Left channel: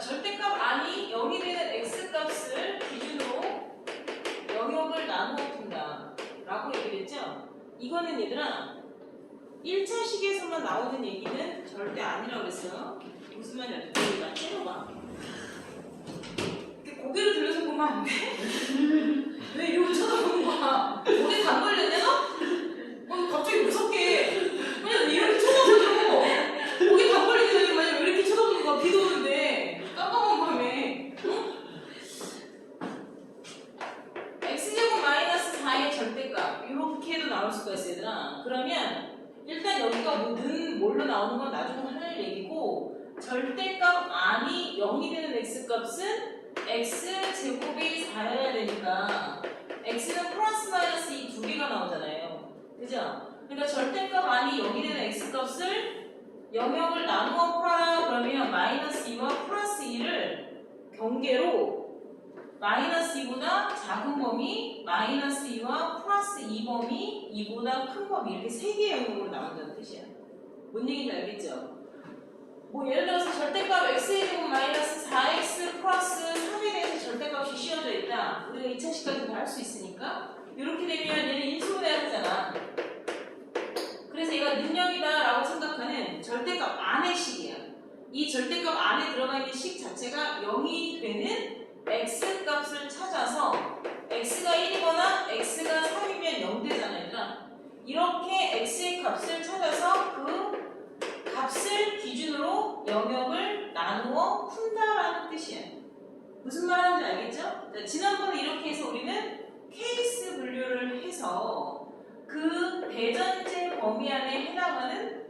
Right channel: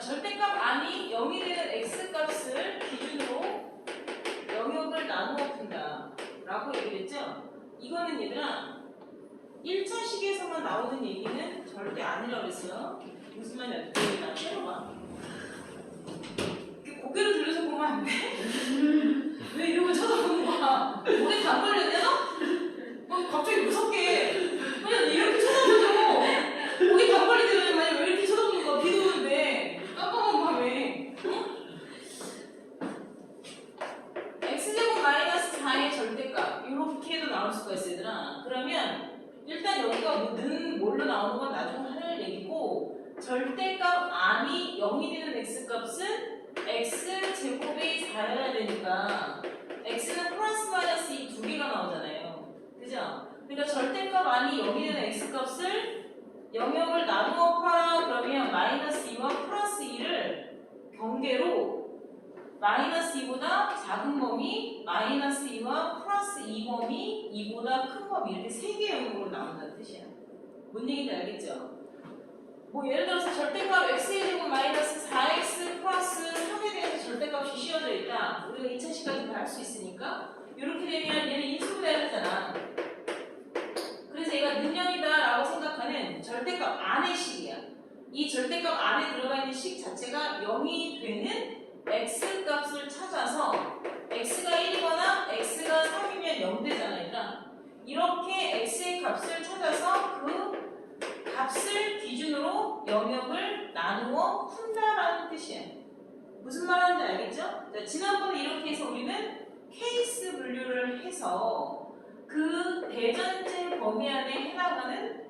절대값 안이 0이 되는 x값을 기준으로 영역을 나누어 푼다 라고 얘기를 했죠. 이거는 얘들아 1차 식에서만 나오는 얘기는 절대 아니라고 그랬어요. 무슨 말인지 알지? 나 때려봐. 고개를 돌려서 보면 안 돼? 왜 이러고 쳐다보는 거야? 고개 다 걸렸냐? 갑자기 무섭게 그냥 이렇게 쳐다보죠. 고개 다 걸리기 전에 만약 왜 이렇게 쳐다보는 거야? 비도 오는데 깜깜한 밤에 x제곱 마이너스 4의 절대값 이렇게도 나올 수가 있어요. 얘들아. 그러면 일단 여기가 는 뭘로 나오는 건 나중에 할 얘기고 절대값 안이 0이 되는 x값은 x제곱이 4여야 되니까 x는 플러스 마이너스 이 두 개가 나오잖아요. 그죠? 그러니까 절대값 안이 0이 되는 x값을 영역을 나누어 풀어라 그러면 마이너스 2와 플러스 2를 경계로 마이너스 2보다 작은 범위, 마이너스 2와 플러스 2범위, 2보다 큰 범위 이렇게 세 개의 영역으로 나온다는 뜻이야. 뭔 얘기인지 알겠죠? 뭐 예를 들어서 절대값 x의 제곱 마이너스 4x 플러스 3에 대해서 절대값이 씌워져 있다. 우리가 2차 식까지도 할 수 있으니까 이렇게 되면 얘는 인수분해를 하잖아. 그래서 얘가 능력이다 라고 생각하는 절대값 안의 식이야. 이 절대값 안에 들어가 있는 식 자체가 0이 되는 x값을 찾아서 x가 1이거나 x가 3이면 0 되잖아. 얘들아. 이렇게 x의 값을 찾아서 그 값을 기준으로 영역을 나누어 푼다라는 뜻이에요. 무슨 말 하는지 알겠죠? 자, 지난번에 이렇게 해서 우리는 케이스 분류를 해서 그 대전제 범위 안에 해당하는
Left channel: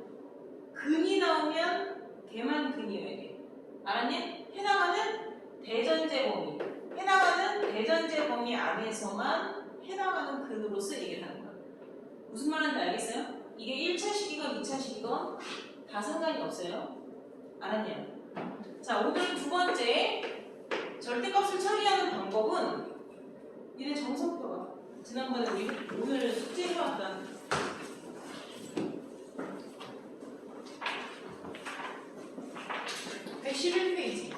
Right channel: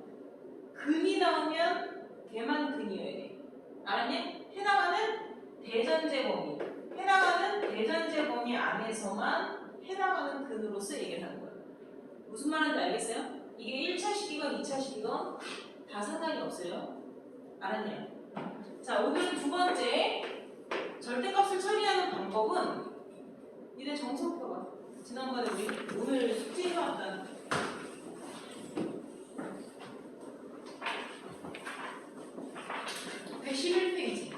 근이 나오면 걔만 근이어야 돼. 알았니? 해당하는 대전제 범위. 해당하는 대전제 범위 안에서만 해당하는 근으로서 얘기를 하는 거야. 무슨 말 하는지 알겠어요? 이게 1차식이건 2차식이건 다 상관이 없어요. 알았네요. 자, 오늘 두 번째 절대값을 처리하는 방법은 니네 정석 펴봐. 지난번에 우리 오늘 숙제 해왔던 111페이지.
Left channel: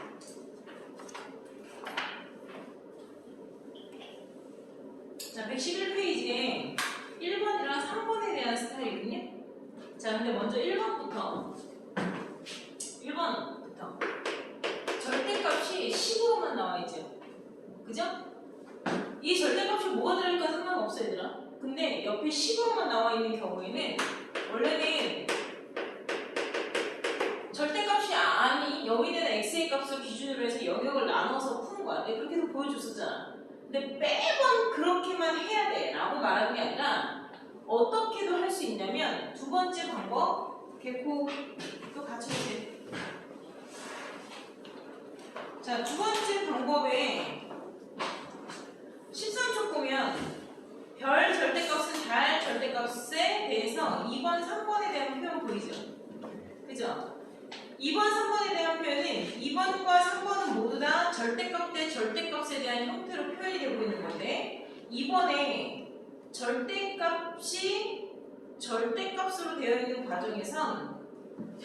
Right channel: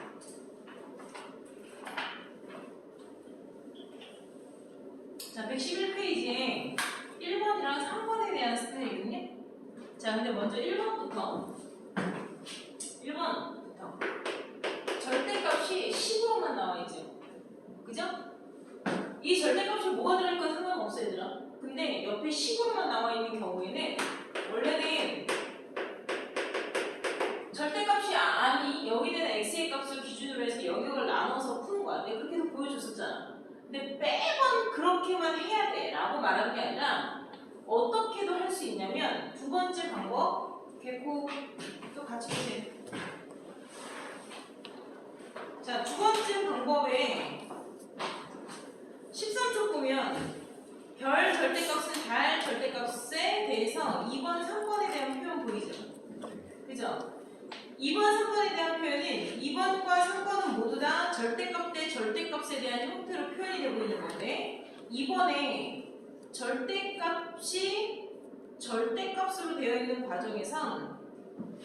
자, 111페이지에 1번이랑 3번에 대한 스타일이거든요. 자, 근데 먼저 1번부터 절대값이 10으로만 나와 있죠. 그죠? 이 절대값이 뭐가 들어갈까 상관없어 얘들아. 근데 옆에 10으로만 나와 있는 경우에는 원래는 절대값이 아니 여기 되는 x의 값을 기준으로 해서 영역을 나눠서 푸는 거야. 내가 그렇게 해서 보여줬었잖아. 근데 매번 그렇게만 해야 돼 라고 말하는 게 아니라 어떻게도 할 수 있냐면 두 번째 방법 개코도 같이 보세요. 자, 두 번째 방법에 13쪽 보면 별 절대값은 달 절대값에 대해서 2번, 3번에 대한 표현 보이죠? 그죠? 2번, 3번에 대한 표현은 2번과 3번은 모두 다 절대값 대 절대값에 대한 형태로 표현이 되고 있는 건데 2번에 절대값이 절대값으로 되어 있는 과정에선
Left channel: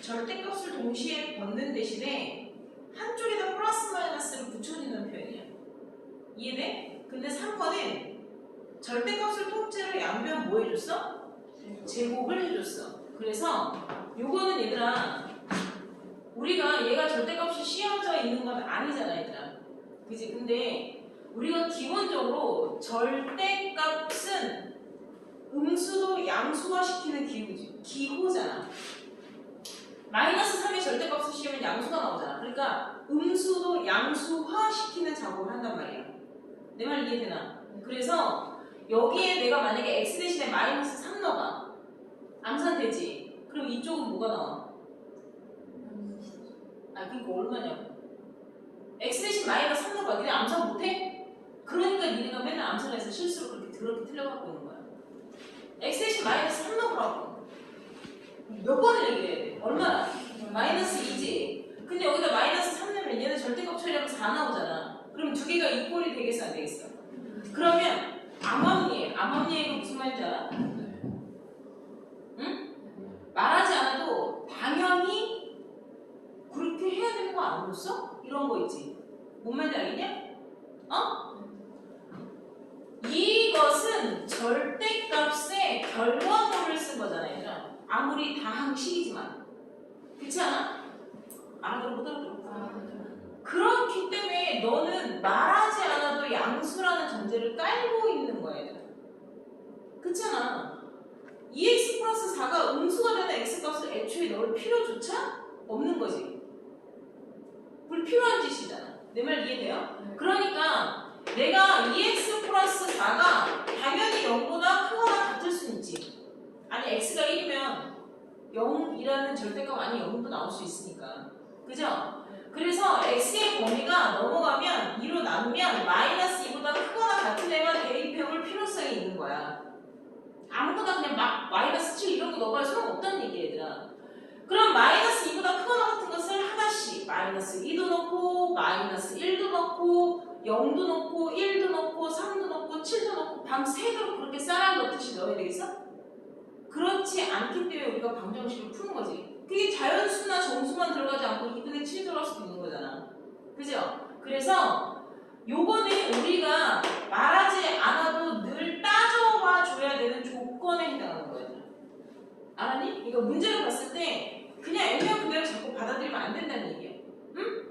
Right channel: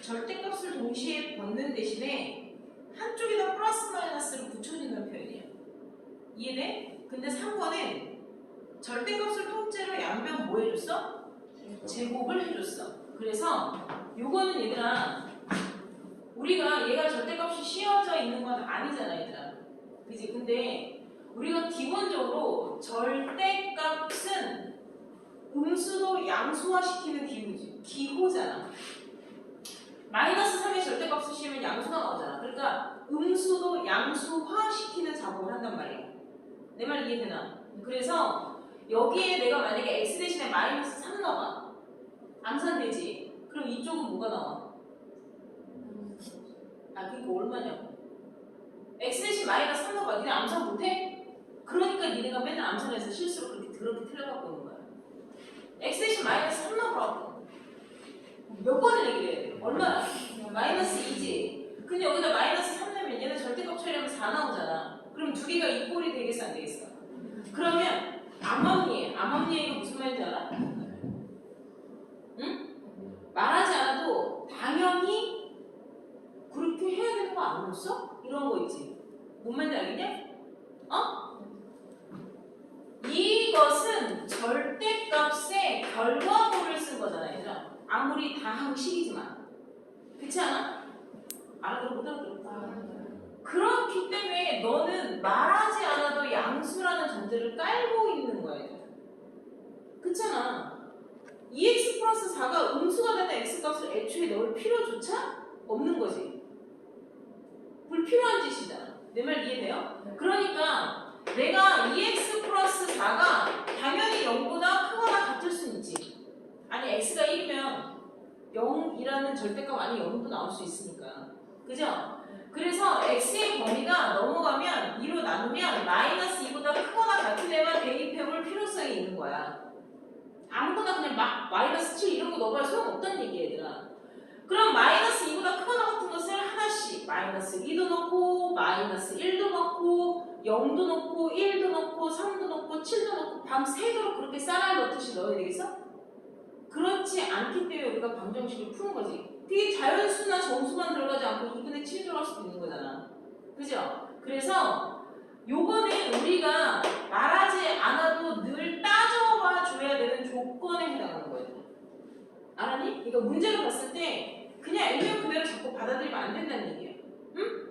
절대값을 동시에 벗는 대신에 한쪽에다 플러스 마이너스를 붙여주는 표현이야. 이해돼? 근데 3번은 절대값을 통째로 양변 뭐 해줬어? 제곱을 해줬어. 그래서 요거는 얘들아 우리가 얘가 절대값이 씌워져 있는 건 아니잖아 얘들아. 그지? 근데 우리가 기본적으로 절대값은 음수도 양수화시키는 기호잖아. 마이너스 3의 절대값을 씌우면 양수가 나오잖아. 그러니까 음수도 양수화시키는 작업을 한단 말이야. 내 말 이해되나? 그래서 여기에 내가 만약에 x 대신에 마이너스 3 넣어봐. 암산되지? 그럼 이쪽은 뭐가 나와? 그러니까 얼마냐고. x 대신 마이너스 3 넣어봐. 니네 암산 못해? 그러니까 니네가 맨날 암산해서 실수로 그렇게 틀려갖고 오는 거야. x 대신 마이너스 3 넣어보라고. 몇 번을 얘기를 해야 돼? 얼마나? 마이너스 2지. 근데 여기다 마이너스 3 넣으면 얘는 절대값 처리하면 4 나오잖아. 그럼 두 개가 이꼴이 되겠어 안 되겠어? 그러면 암암리에가 무슨 말인지 알아? 응? 말하지 않아도 당연히 그렇게 해야 되는 거 안 봤어? 이런 거 있지. 뭔 말인지 알겠냐? 어? 이것은 절대값의 결과물을 쓴 거잖아, 얘들아. 아무리 다항식이지만. 그렇지 않아? 알아들어 못 알아들어? 그렇기 때문에 너는 말하지 않아도 양수라는 전제를 깔고 있는 거야, 얘들아. 그렇잖아. 2x 플러스 4가 음수가 되는 x값을 애초에 넣을 필요조차 없는 거지. 불필요한 짓이잖아. 내 말 이해돼요? 그러니까 내가 2x 플러스 4가 당연히 0보다 크거나 같을 수는 있지. 아니 x가 1이면 0이라는 절대값 아니 0도 나올 수 있으니까. 그죠? 그래서 x의 범위가 넘어가면 2로 나누면 마이너스 2보다 크거나 같으려면 대입해볼 필요성이 있는 거야. 아무거나 그냥 막 마이너스 7 이런 거 넣어봐야 소용없다는 얘기야, 얘들아. 그럼 마이너스 2보다 크거나 같은 것을 하나씩 마이너스 2도 넣고 마이너스 1도 넣고 0도 넣고 1도 넣고 3도 넣고 7도 넣고 밤새도록 그렇게 쌀알 넣듯이 넣어야 되겠어? 그렇지 않기 때문에 우리가 방정식을 푸는 거지. 그게 자연수나 정수만 들어가지 않고 2분의 7 들어갈 수도 있는 거잖아. 그죠? 그래서 요거는 우리가 말하지 않아도 늘 따져봐 줘야 되는 조건에 해당하는 거예요. 알았니? 그러니까 문제를 봤을 때 그냥 애매한 그대로 자꾸 받아들이면 안 된다는 얘기예요. 응?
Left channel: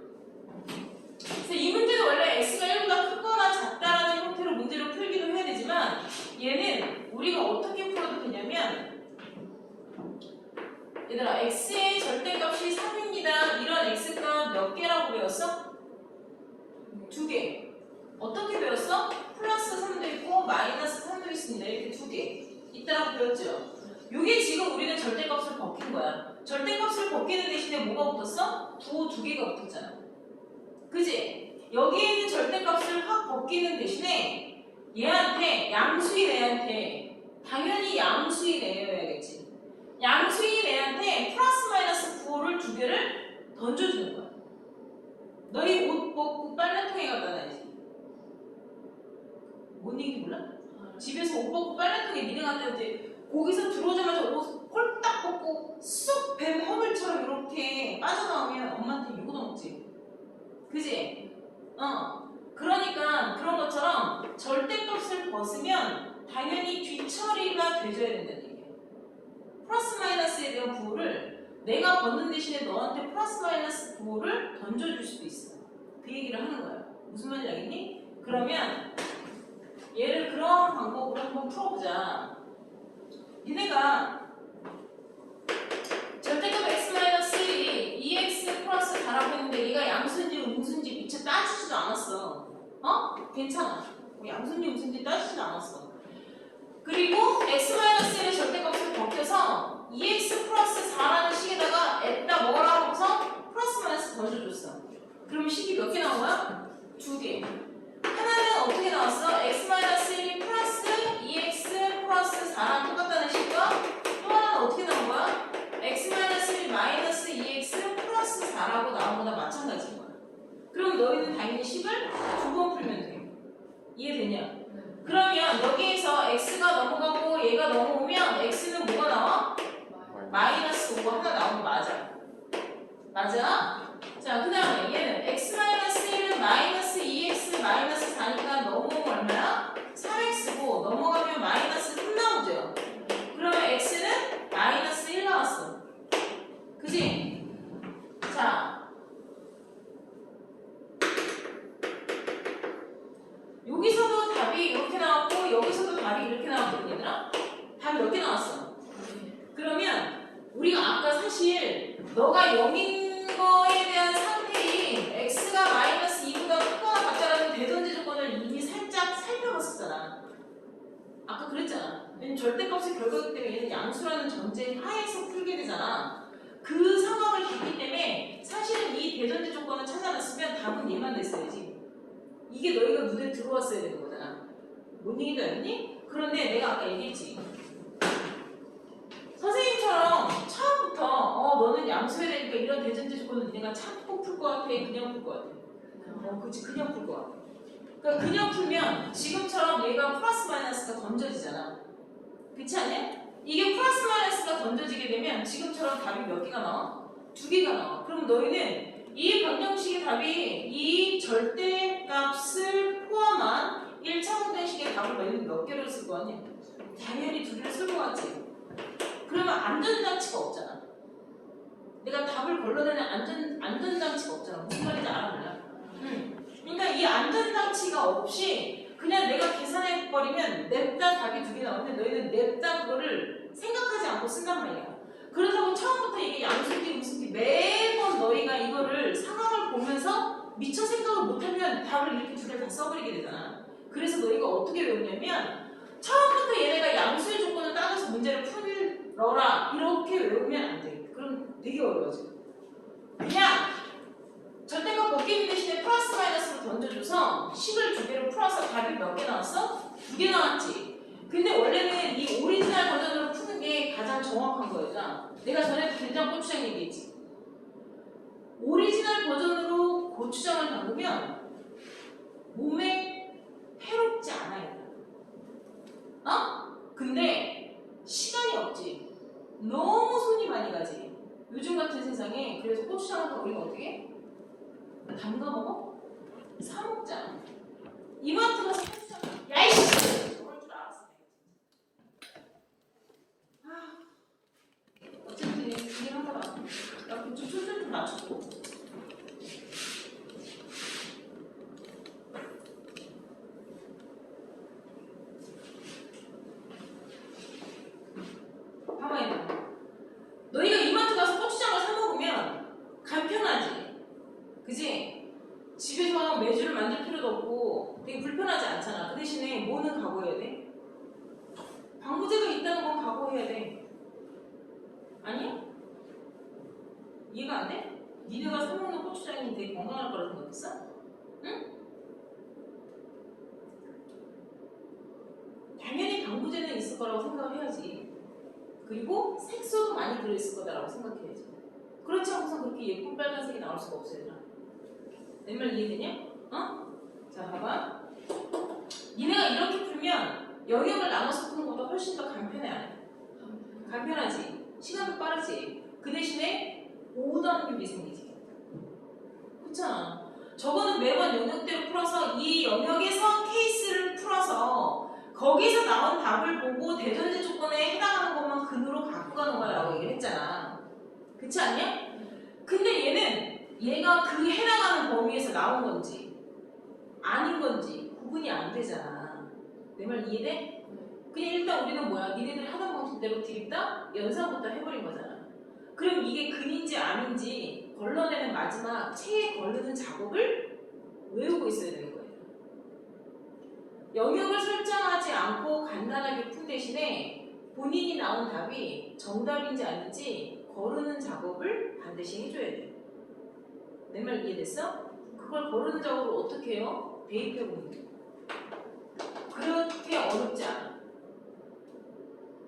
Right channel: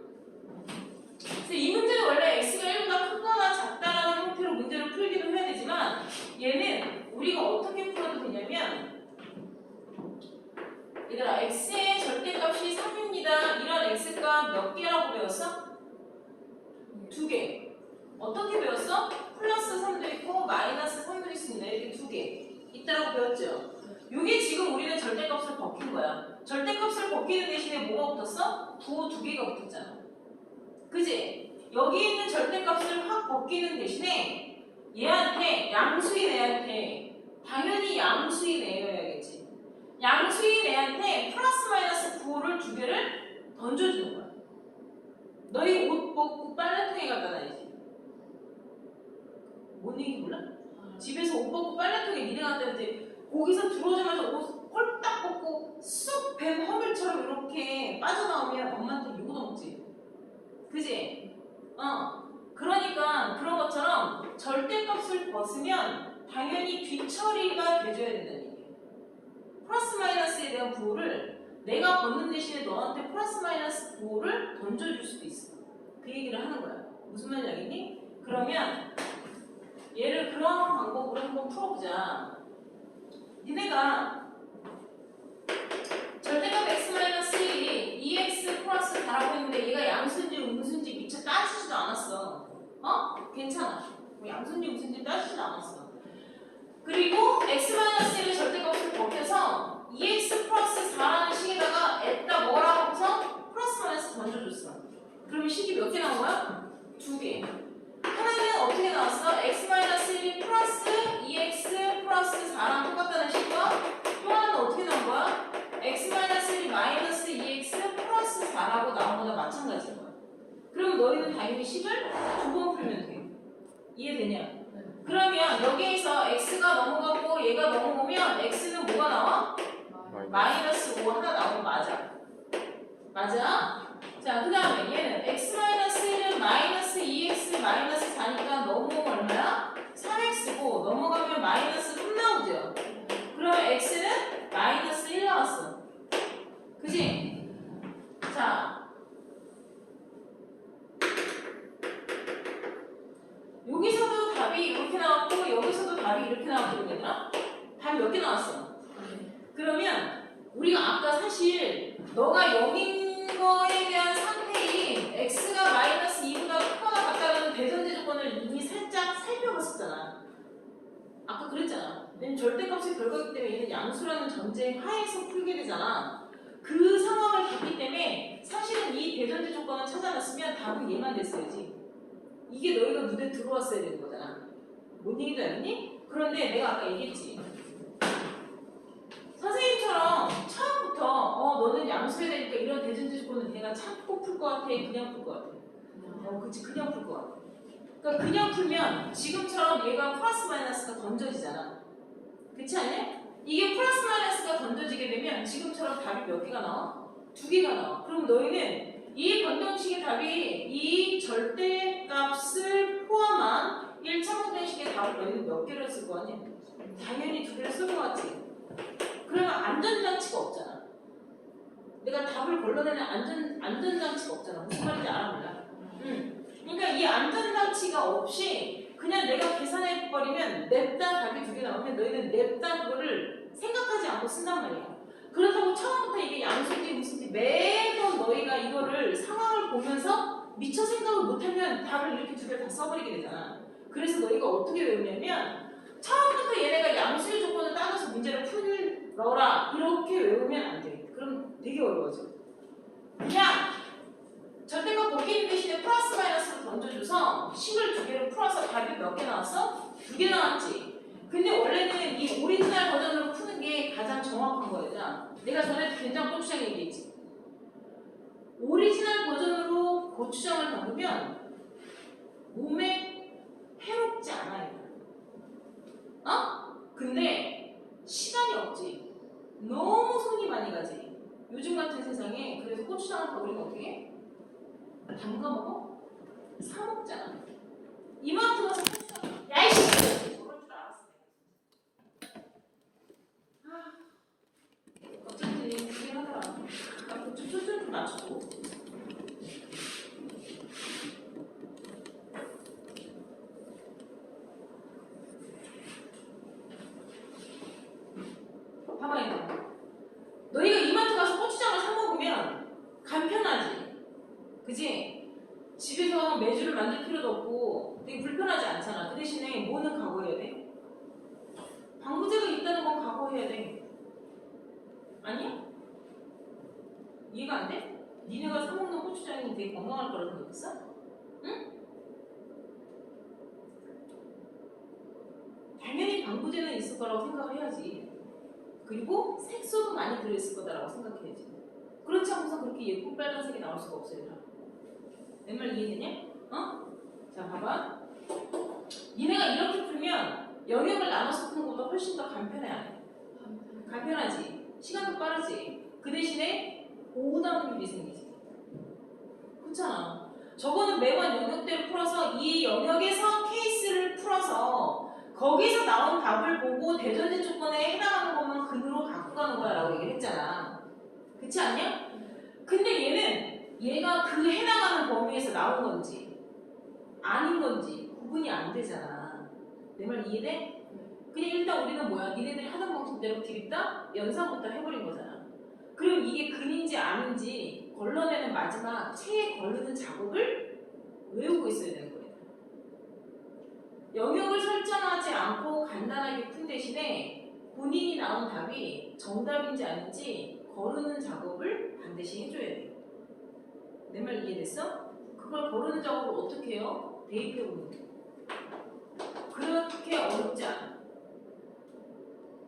그래서 이 문제는 원래 x가 1보다 크거나 작다라는 형태로 문제를 풀기도 해야 되지만 얘는 우리가 어떻게 풀어도 되냐면 얘들아 x의 절대값이 3입니다. 이런 x값 몇 개라고 배웠어? 2개. 어떻게 배웠어? 플러스 3도 있고 마이너스 3도 있습니다. 이렇게 2개 있다라고 배웠죠? 이게 지금 우리는 절대값을 벗긴 거야. 절대값을 벗기는 대신에 뭐가 붙었어? 부호 2개가 붙었잖아. 그지? 여기 있는 절대값을 확 벗기는 대신에 얘한테 양수인 애한테 당연히 양수인 애여야겠지. 양수인 애한테 플러스 마이너스 부호를 2개를 던져주는 거야. 너희 옷 벗고 빨래통에 갖다 놔야지. 뭔 얘기 몰라? 집에서 옷 벗고 빨래통에 니네 갖다 놔야지. 거기서 들어오자마자 옷 홀딱 벗고 쏙 뱀 허물처럼 이렇게 빠져나오면 엄마한테 욕 얻어먹지. 그지? 그러니까 그런 것처럼 절대값을 벗으면 당연히 뒤처리가 돼줘야 된다는 얘기예요. 플러스 마이너스에 대한 부호를 내가 벗는 대신에 너한테 플러스 마이너스 부호를 던져줄 수도 있어. 그 얘기를 하는 거야. 무슨 말인지 알겠니? 그러면 얘를 그런 방법으로 한번 풀어보자. 니네가 절대값 x-1이 2x 플러스 4라고 했는데 얘가 양수인지 음수인지 미처 따지지도 않았어. 괜찮아. 양수인지 음수인지 따지지도 않았어. 그리고 x-1의 절대값을 벗겨서 2x 플러스 4라는 식에다가 에다 뭐라고 해서 플러스 마이너스 던져줬어. 그럼 식이 몇 개 나온 거야? 2개. 하나는 어떻게 나왔어? x-1이 플러스 2x 플러스 4랑 똑같다는 식과 또 하나는 어떻게 나온 거야? x-1 마이너스 2x 플러스 4라고 나온 거나 마찬가지인 거야. 그럼 너희는 당연히 식을 2번 풀면 돼. 이해되냐? 그러면 여기에서 x가 넘어가고 얘가 넘어오면 x는 뭐가 나와? 마이너스 5 하나 나오면 맞아. 맞아? 자, 그 다음에 얘는 x-1은 마이너스 2x 마이너스 4니까 넘어오면 얼마야? 3x고 넘어가면 마이너스 3 나오죠? 그러면 x는 마이너스 1 나왔어. 그지? 자, 여기서도 답이 이렇게 나왔고 여기서도 답이 이렇게 나왔거든, 얘들아? 답이 몇 개 나왔어? 그러면 우리가 아까 사실 너가 0인 거에 대한 상태인 x가 마이너스 2보다 크거나 같다라는 대전제 조건을 이미 살짝 살펴봤었잖아. 아까 그랬잖아. 왜냐면 절대값의 결과이기 때문에 얘는 양수라는 전제 하에서 풀게 되잖아. 그 상황을 봤기 때문에 사실은 이 대전제 조건을 찾아놨으면 답은 얘만 됐어야지. 이게 너희가 눈에 들어왔어야 되는 거잖아. 뭔 얘기인지 알겠니? 그런데 내가 아까 얘기했지. 선생님처럼 처음부터 너는 양수해야 되니까 이런 대전제 조건은 니네가 참고 풀 것 같아? 그냥 풀 것 같아? 그치, 그냥 풀 것 같아. 그러니까 그냥 풀면 지금처럼 얘가 플러스 마이너스가 던져지잖아. 그렇지 않냐? 이게 플러스 마이너스가 던져지게 되면 지금처럼 답이 몇 개가 나와? 2개가 나와. 그럼 너희는 이 방정 답이 이 절대값을 포함한 1차 방정식의 답을 너희는 몇 개를 쓸 거 아니야? 당연히 2개를 쓸 것 같지. 그러면 안전장치가 없잖아. 내가 답을 걸러내는 안전장치가 없잖아. 무슨 말인지 알아 몰라? 그러니까 이 안전장치가 없이 그냥 내가 계산해버리면 냅다 답이 2개 나오면 너희는 냅다 그거를 생각하지 않고 쓴단 말이야. 그렇다고 처음부터 이게 양수인지 무슨지 매번 너희가 이거를 상황을 보면서 미처 생각을 못하면 답을 이렇게 2개를 다 써버리게 되잖아. 그래서 너희가 어떻게 외우냐면 처음부터 얘네가 양수의 조건을 따져서 문제를 풀어라 이렇게 외우면 안 돼. 그럼 되게 어려워져. 그냥 절대값 벗기는 대신에 플러스 마이너스로 던져줘서 식을 2개로 풀어서 답이 몇 개 나왔어? 2개 나왔지. 근데 원래는 이 오리지널 버전으로 푸는 게 가장 정확한 거였잖아. 내가 전에 된장 고추장 얘기했지. 오리지널 버전으로 고추장을 담그면 몸에 해롭지 않아요. 근데 시간이 없지. 너무 손이 많이 가지. 요즘 같은 세상에. 그래서 고추장을 담그면 어떻게 해? 담가 먹어? 사 먹잖아. 이마트 가서 고추장. 야이씨! 저럴 줄 알았어. 어쨌든 얘기 하더라. 나 그쪽 초점 좀 맞추고. 가만히 봐. 너희가 이마트 가서 고추장을 사 먹으면 간편하지. 그지? 집에서 매주를 만들 필요도 없고 되게 불편하지 않잖아. 그 대신에 뭐는 각오해야 돼? 방부제가 있다는 건 각오해야 돼. 아니야? 이해가 안 돼? 니네가 사 먹는 고추장이 되게 건강할 거라고 생각했어? 응? 당연히 방부제는 있을 거라고 생각을 해야지. 그리고 색소도 많이 들어있을 거다라고 생각해야지. 그렇지 않고서 그렇게 예쁜 빨간색이 나올 수가 없어요. 얘들아. 내 말 이해되냐? 자, 봐봐. 니네가 이렇게 풀면 영역을 나눠서 푸는 것보다 훨씬 더 간편해, 안 해? 간편하지. 시간도 빠르지. 그 대신에 오답률이 생기지. 그렇잖아. 저거는 매번 영역대로 풀어서 이 영역에서 케이스를 풀어서 거기서 나온 답을 보고 대전제 조건에 해당하는 것만 근으로 갖고 가는 거라고 얘기를 했잖아. 그렇지 않냐? 근데 얘가 그 해당하는 범위에서 나온 건지 아닌 건지 구분이 안 되잖아. 내 말 이해돼? 그냥 일단 우리는 뭐야? 니네들이 하던 방식대로 드립다? 연산부터 해버린 거잖아. 그럼 이게 근인지 아닌지 걸러내는 마지막 체에 걸르는 작업을 외우고 있어야 되는 거예요. 영역을 설정하지 않고 간단하게 푼 대신에 본인이 나온 답이 정답인지 아닌지 거르는 작업을 반드시 해줘야 돼. 내 말 이해됐어? 그걸 거르는 작업을 어떻게 해요? 대입해보는 거. 그렇게 어렵지 않아.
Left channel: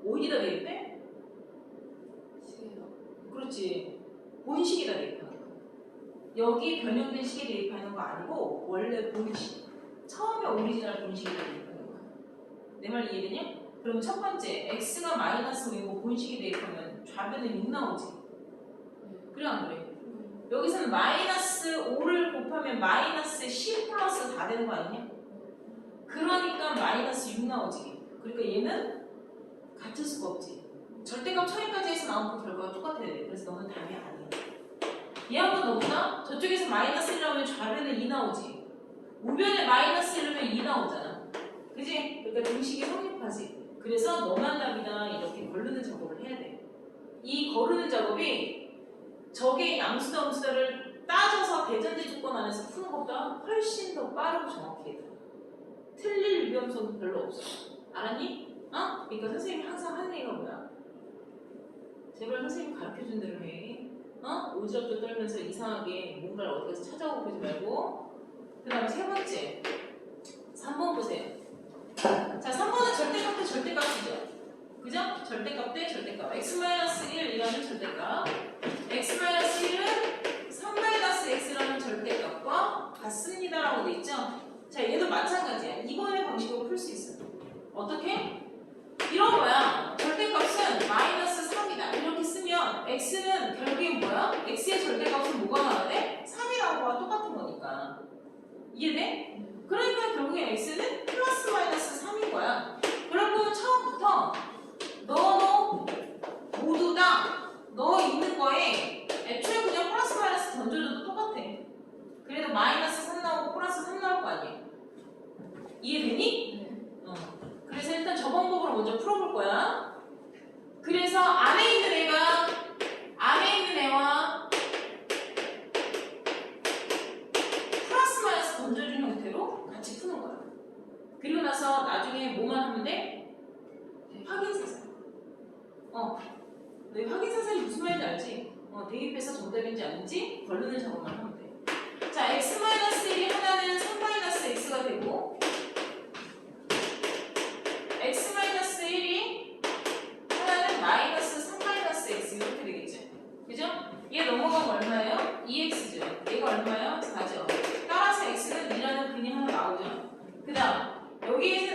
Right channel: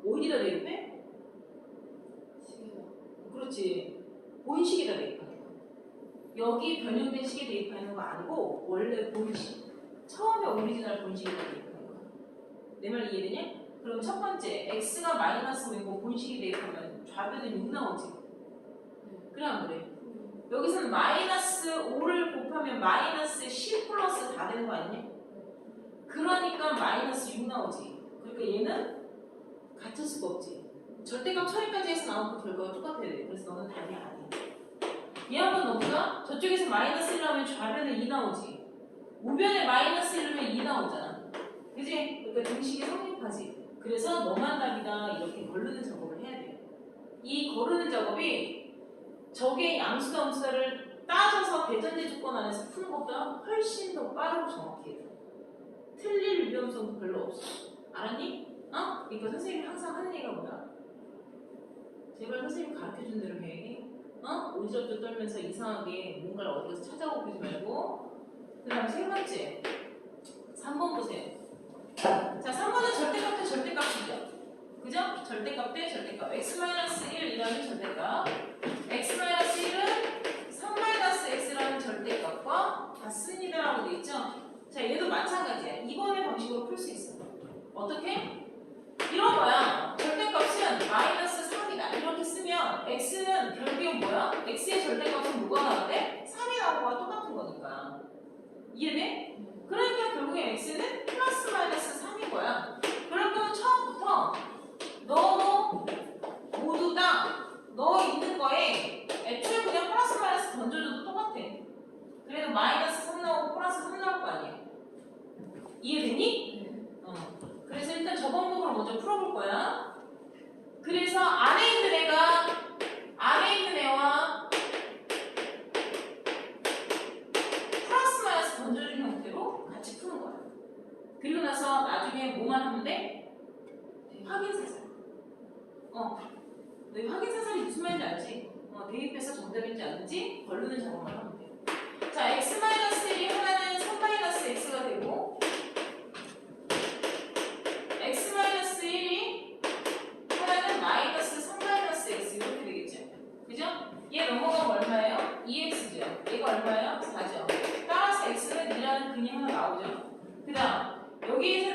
어디다 대입해? 그렇지. 본식에다 대입하는 거야. 여기 변형된 식에 대입하는 거 아니고 원래 본식. 처음에 오리지널 본식에 대입하는 거야. 내 말 이해되냐? 그럼 첫 번째 x가 마이너스 뭐고 본식에 대입하면 좌변은 6 나오지. 그래 안 그래? 여기서는 마이너스 5를 곱하면 마이너스 10 플러스 4 되는 거 아니냐? 그러니까 마이너스 6 나오지. 그러니까 얘는 같을 수가 없지. 절대값 처리까지 해서 나온 그 결과가 똑같아야 돼. 그래서 너는 답이 아니야. 얘 한번 넣어보자. 저쪽에서 마이너스 1 나오면 좌변에 2 나오지. 우변에 마이너스 1 넣으면 2 나오잖아. 그지? 그러니까 등식이 성립하지. 그래서 너만 답이다 이렇게 거르는 작업을 해야 돼. 이 거르는 작업이 적의 양수다 음수다를 따져서 대전제 조건 안에서 푸는 것보다 훨씬 더 빠르고 정확히 해야 돼. 틀릴 위험성도 별로 없어. 알았니? 그러니까 선생님이 항상 하는 얘기가 뭐야? 제발 선생님 가르쳐준 대로 해. 오지랖도 떨면서 이상하게 뭔가를 어디 가서 찾아오고 그러지 말고. 그 다음에 세 번째 3번 보세요. 자, 3번은 절대값 대 절대값이죠. 그죠? 절대값 대 절대값. x-1이라는 절대값. x-1은 3-x라는 절대값과 같습니다라고 돼 있죠? 자, 얘도 마찬가지야. 이번의 방식으로 풀 수 있어. 어떻게? 이런 거야. 절대값은 마이너스 3이다. 이렇게 쓰면 x는 결국엔 뭐야? x의 절대값은 뭐가 나와야 돼? 3이 나온 거와 똑같은 거다. 이해돼? 그러니까 결국에 x는 플러스 마이너스 3인 거야. 그럴 거면 처음부터 너 모두 다 너 있는 거에 애초에 그냥 플러스 마이너스 던져줘도 똑같아. 그래도 마이너스 3 나오고 플러스 3 나올 거 아니야. 이해되니? 어. 그래서 일단 저 방법으로 먼저 풀어볼 거야. 그래서 안에 있는 애와 플러스 마이너스 던져준 형태로 같이 푸는 거야. 그리고 나서 나중에 뭐만 하면 돼? 확인사살. 너 확인사살이 무슨 말인지 알지? 대입해서 정답인지 아닌지 걸르는 작업만 하면 돼. 자, x-1이 하나는 3-x가 되고 x-1이 하나는 마이너스 3-x 이렇게 되겠죠? 그죠? 얘 넘어가면 얼마예요? 2x죠. 얘가 얼마예요? 4죠. 따라서 x는 2라는 근이 하나 나오죠. 그 다음 여기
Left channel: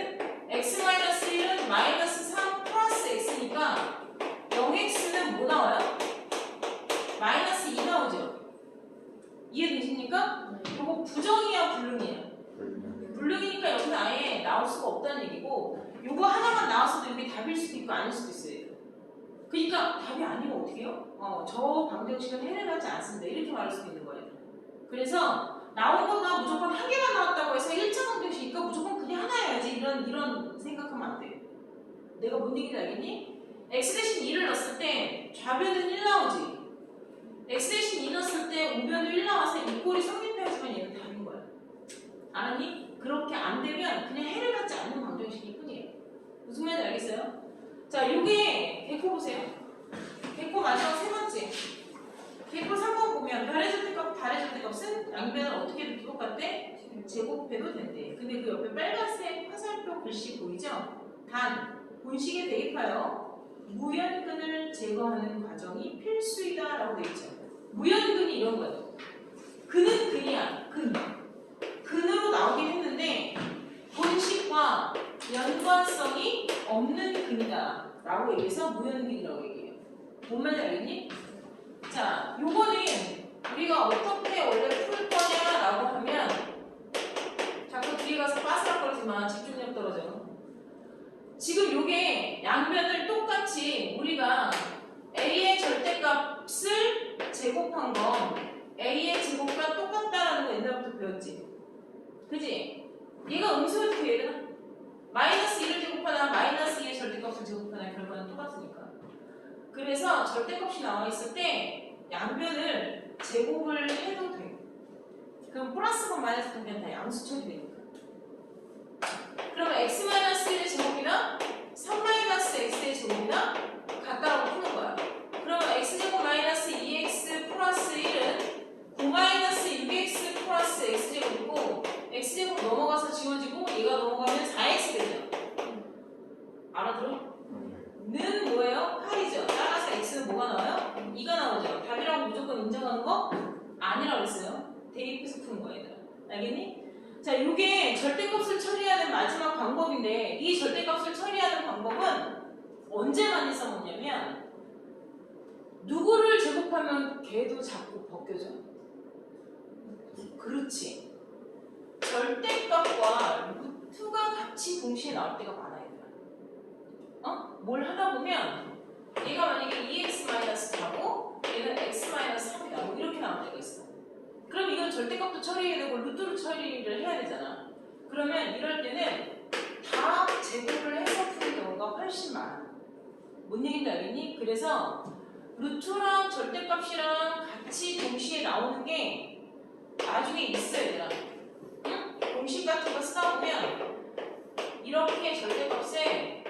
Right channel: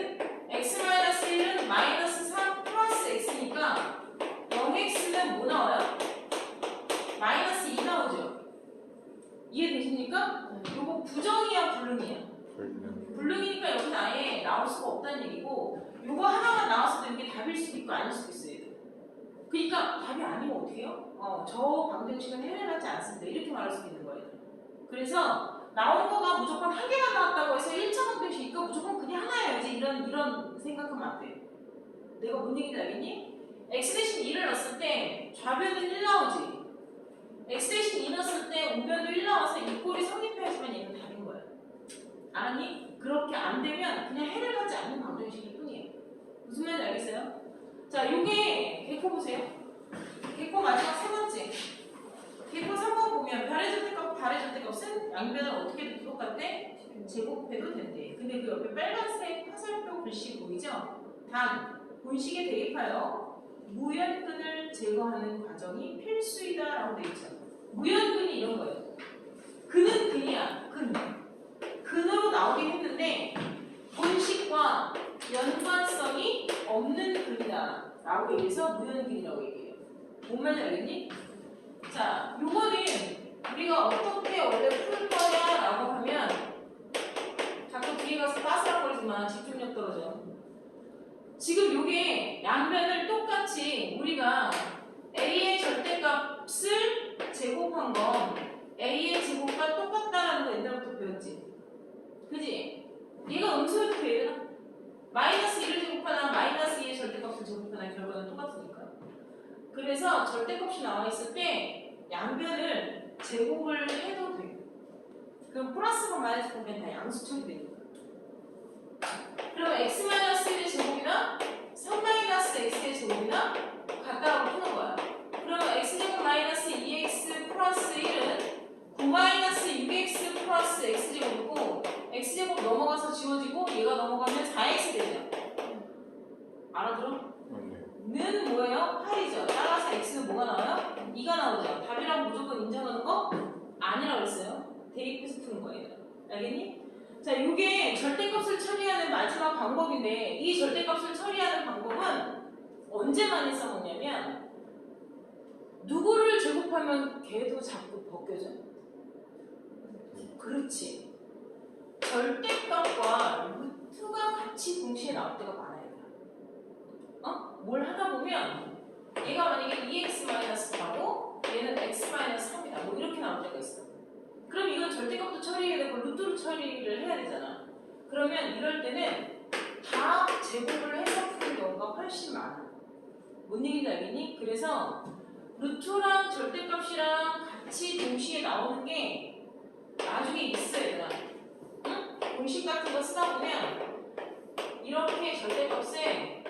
x-1은 마이너스 3 플러스 x니까 0x는 뭐 나와요? 마이너스 2 나오죠. 이해되십니까? 요거 부정이야 불능이야? 불능이니까 여기는 아예 나올 수가 없다는 얘기고 요거 하나만 나왔어도 이게 답일 수도 있고 아닐 수도 있어요. 그러니까 답이 아니면 어떻게 해요? 저 방정식은 해결하지 않습니다. 이렇게 말할 수도 있는 거예요. 그래서 나온 거가 무조건 한 개가 나왔다고 해서 1차 방정식이니까 무조건 그게 하나여야지 이런 생각하면 안 돼. 내가 뭔 얘기인지 알겠니? x 대신 2를 넣었을 때 좌변은 1 나오지. x 대신 2 넣었을 때 우변도 1 나와서 이 꼴이 성립해야지만 얘는 답인 거야. 알았니? 그렇게 안 되면 그냥 해를 받지 않는 방정식일 뿐이에요. 무슨 말인지 알겠어요? 자, 요게 개코 보세요. 개코 마지막 세 번째. 개코 3번 보면 달의 절대값은 양변을 어떻게 똑같대? 제곱해도 된대. 근데 그 옆에 빨간색 화살표 글씨 보이죠? 단, 본식에 대입하여 무연근을 제거하는 과정이 필수이다라고 되어 있죠. 무연근이 이런 거예요. 근은 근이야. 근으로 나오긴 했는데 본식과 연관성이 없는 근이다 라고 얘기해서 무연근이라고 얘기해요. 뭔 말인지 알겠니? 자, 요거는 우리가 어떻게 원래 풀 거냐라고 하면 자꾸 뒤에 가서 빠스락거리지만 집중력 떨어져. 지금 요게 양변을 똑같이 우리가 A의 절대값을 제곱한 거 A의 제곱과 똑같다라는 거 옛날부터 배웠지? 그지? 얘가 음수여도 되나? 마이너스 1을 제곱하나 마이너스 2의 절대값을 제곱하나 결과는 똑같으니까. 그래서 절대값이 나와 있을 때 양변을 제곱을 해도 돼. 그럼 플러스건 마이너스건 그냥 다 양수 처리되니까. 그러면 x-1의 제곱이나 3-x의 제곱이나 같다고 푸는 거야. 그러면 x제곱 마이너스 2x 플러스 1은 9-6x 플러스 x제곱이고 x제곱 넘어가서 지워지고 얘가 넘어가면 4x 되죠. 알아들어? 는 뭐예요? 8이죠. 따라서 x는 뭐가 나와요? 2가 나오죠. 답이라고 무조건 인정하는 거 아니라고 했어요. 대입해서 푸는 거야, 얘들아. 알겠니? 자, 요게 절대값을 처리하는 마지막 방법인데 이 절대값을 처리하는 방법은 언제 많이 써먹냐면 누구를 제곱하면 걔도 자꾸 벗겨져. 그렇지. 절대값과 루트가 같이 동시에 나올 때가 많아요. 뭘 하다 보면 얘가 만약에 2x-4고 얘는 x-3이다. 뭐 이렇게 나올 때가 있어. 그럼 이건 절대값도 처리해야 되고 루트로 처리를 해야 되잖아. 그러면 이럴 때는 다 제곱을 해서 푸는 경우가 훨씬 많아. 뭔 얘기인지 알겠니? 그래서 루트랑 절대값이랑 같이 동시에 나오는 게 나중에 있어, 얘들아. 응? 공식 같은 거 쓰다 보면 이렇게 절대값에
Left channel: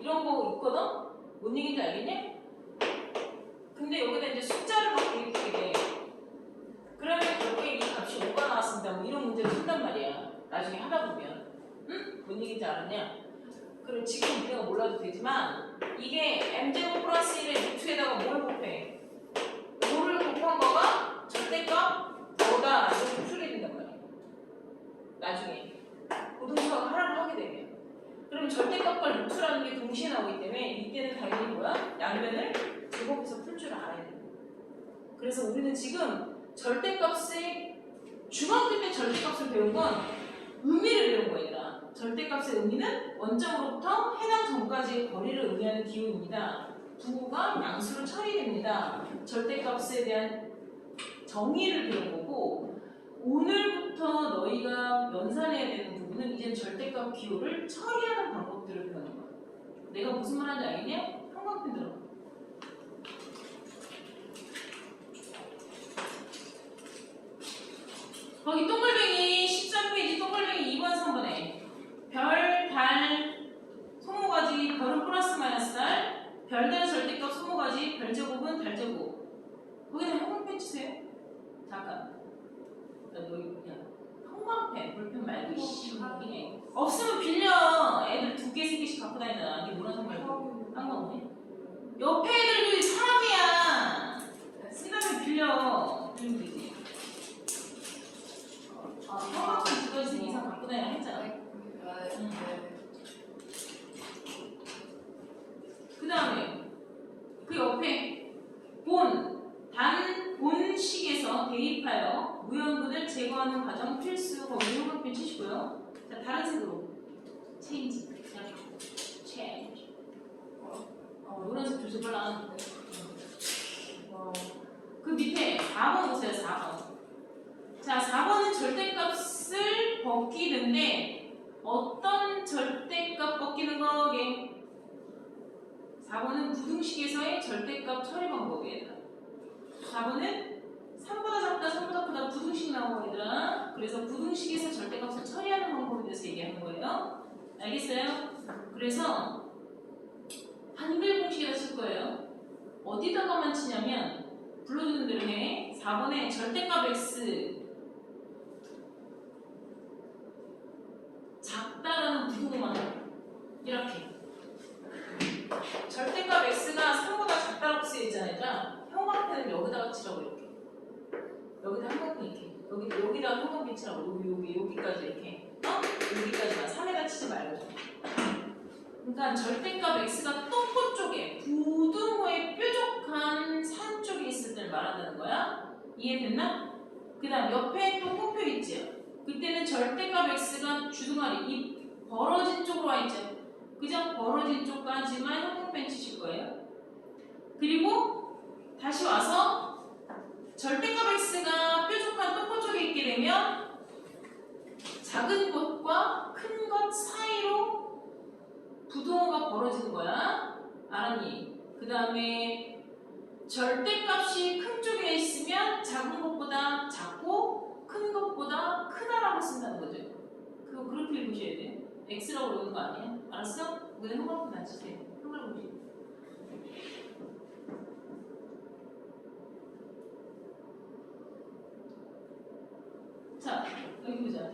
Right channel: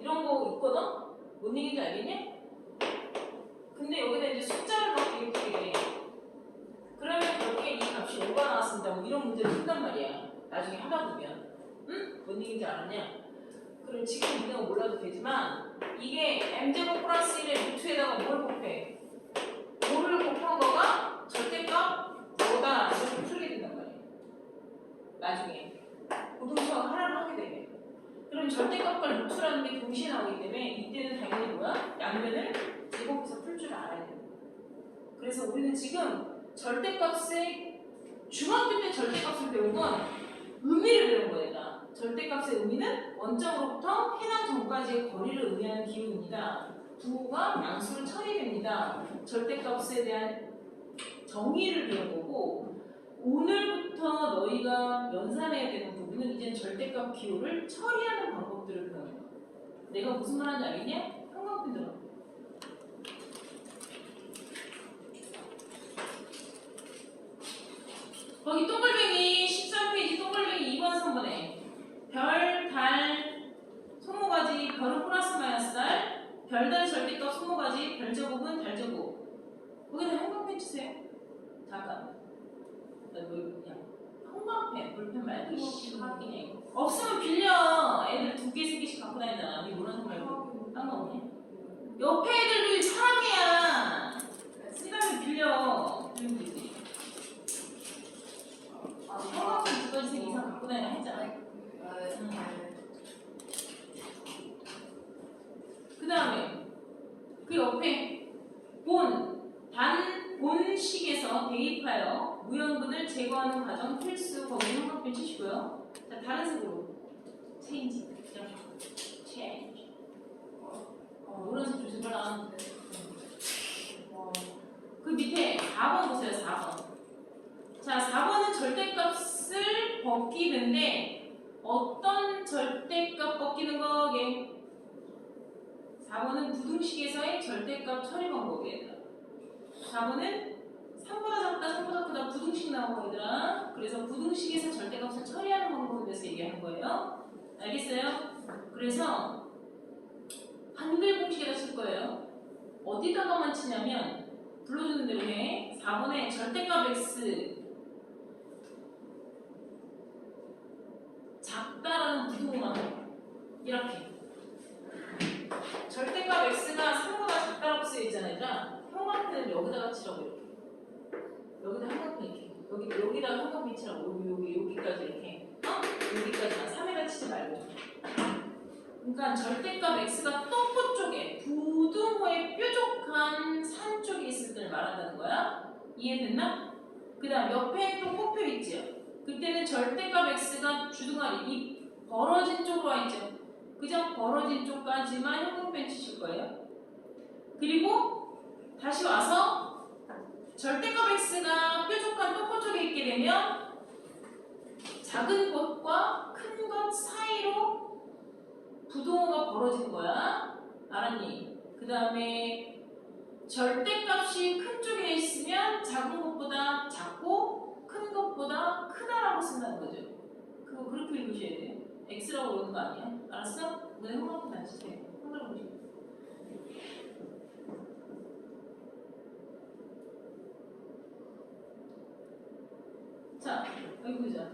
이런 거 있거든? 뭔 얘기인지 알겠니? 근데 여기다 이제 숫자를 막 이렇게 돼. 그러면 여기에 이 값이 5가 나왔습니다. 뭐 이런 문제를 푼단 말이야. 나중에 하다 보면. 응? 뭔 얘기인지 알았냐? 그럼 지금 우리가 몰라도 되지만 이게 m제곱 플러스 1의 루트에다가 뭘 곱해? 5를 곱한 거가 절대값 뭐다 이렇게 풀게 된단 말이야. 나중에 고등수학 하라고 하게 되면. 그럼 절대값과 루트라는 게 동시에 나오기 때문에 이때는 당연히 뭐야? 양변을 제곱해서 풀 줄 알아야 돼. 그래서 우리는 지금 절대값의 중학교 때 절대값을 배운 건 의미를 배운 거예요. 절대값의 의미는 원점으로부터 해당 점까지의 거리를 의미하는 기호입니다. 부호가 양수로 처리됩니다. 절대값에 대한 정의를 배운 거고, 오늘부터 너희가 연산해야 되는 부분은 이제 절대값 기호를 처리하는 방법들을 배우는 거야. 내가 무슨 말 하는지 알겠냐? 형광펜 들어. 거기 동글뱅이 13페이지 동글뱅이 2번 3번에 별, 달, 소모가지, 별은 플러스 마이너스 달, 별달의 절대값 소모가지, 별제곱은 달제곱. 거기다 형광펜 치세요. 잠깐. 너 그냥 형광펜, 볼펜 말고 확인해. 없으면 빌려. 애들 2개, 3개씩 갖고 다니잖아. 네 노란색 말고. 상관없네. 옆에 애들도 사랑이야. 쓰다면 빌려. 빌리면 되지. 형광펜 2가지 이상 갖고 다니라 했잖아. 그 다음에 그 옆에 본식에서 대입하여 무형근을 제거하는 과정 필수. 거기 형광펜 치시고요. 자, 다른 색으로 체인지 그냥 바꿔. 체인지. 노란색 조심 빨라. 그 밑에 4번 보세요. 4번. 자, 4번은 절대값을 벗기는데 어떤 절대값 벗기는 거게? 4번은 부등식에서의 절대값 처리 방법이에요. 4번은 3보다 작다, 3보다 크다 부등식 나오고 얘들아. 그래서 부등식에서 절대값을 처리하는 방법에 대해서 얘기하는 거예요. 알겠어요? 그래서 한글 공식에다 쓸 거예요. 어디다가만 치냐면 불러주는 대로 해. 4번에 절대값 x 작다라는 부등호만 이렇게. 절대값 x가 3보다 작다라고 쓰여있잖아 얘들아. 형광펜을 여기다가 치라고 이렇게. 여기다 형광펜 이렇게. 여기다가 형광펜 치라고. 여기까지 이렇게. 여기까지만. 3에다 치지 말고. 그러니까 절대값 x가 똥꼬 쪽에 부등호의 뾰족한 산 쪽에 있을 때를 말한다는 거야. 이해됐나? 그 다음 옆에 또 꼬표 있죠. 그때는 절대값 x가 주둥아리 이 벌어진 쪽으로 와 있죠. 그죠? 벌어진 쪽까지만 형광펜 치실 거예요. 그리고 다시 와서 절대값 x가 뾰족한 똥꼬 쪽에 있게 되면 작은 것과 큰 것 사이로 부등호가 벌어지는 거야. 알았니? 그 다음에 절대값이 큰 쪽에 있으면 작은 것보다 작고 큰 것보다 크다라고 쓴다는 거죠. 그거 그렇게 읽으셔야 돼요. x라고 그러는 거 아니야? 알았어? 그냥 형광펜 안 치세요. 한글 보시고. 자, 여기 보자.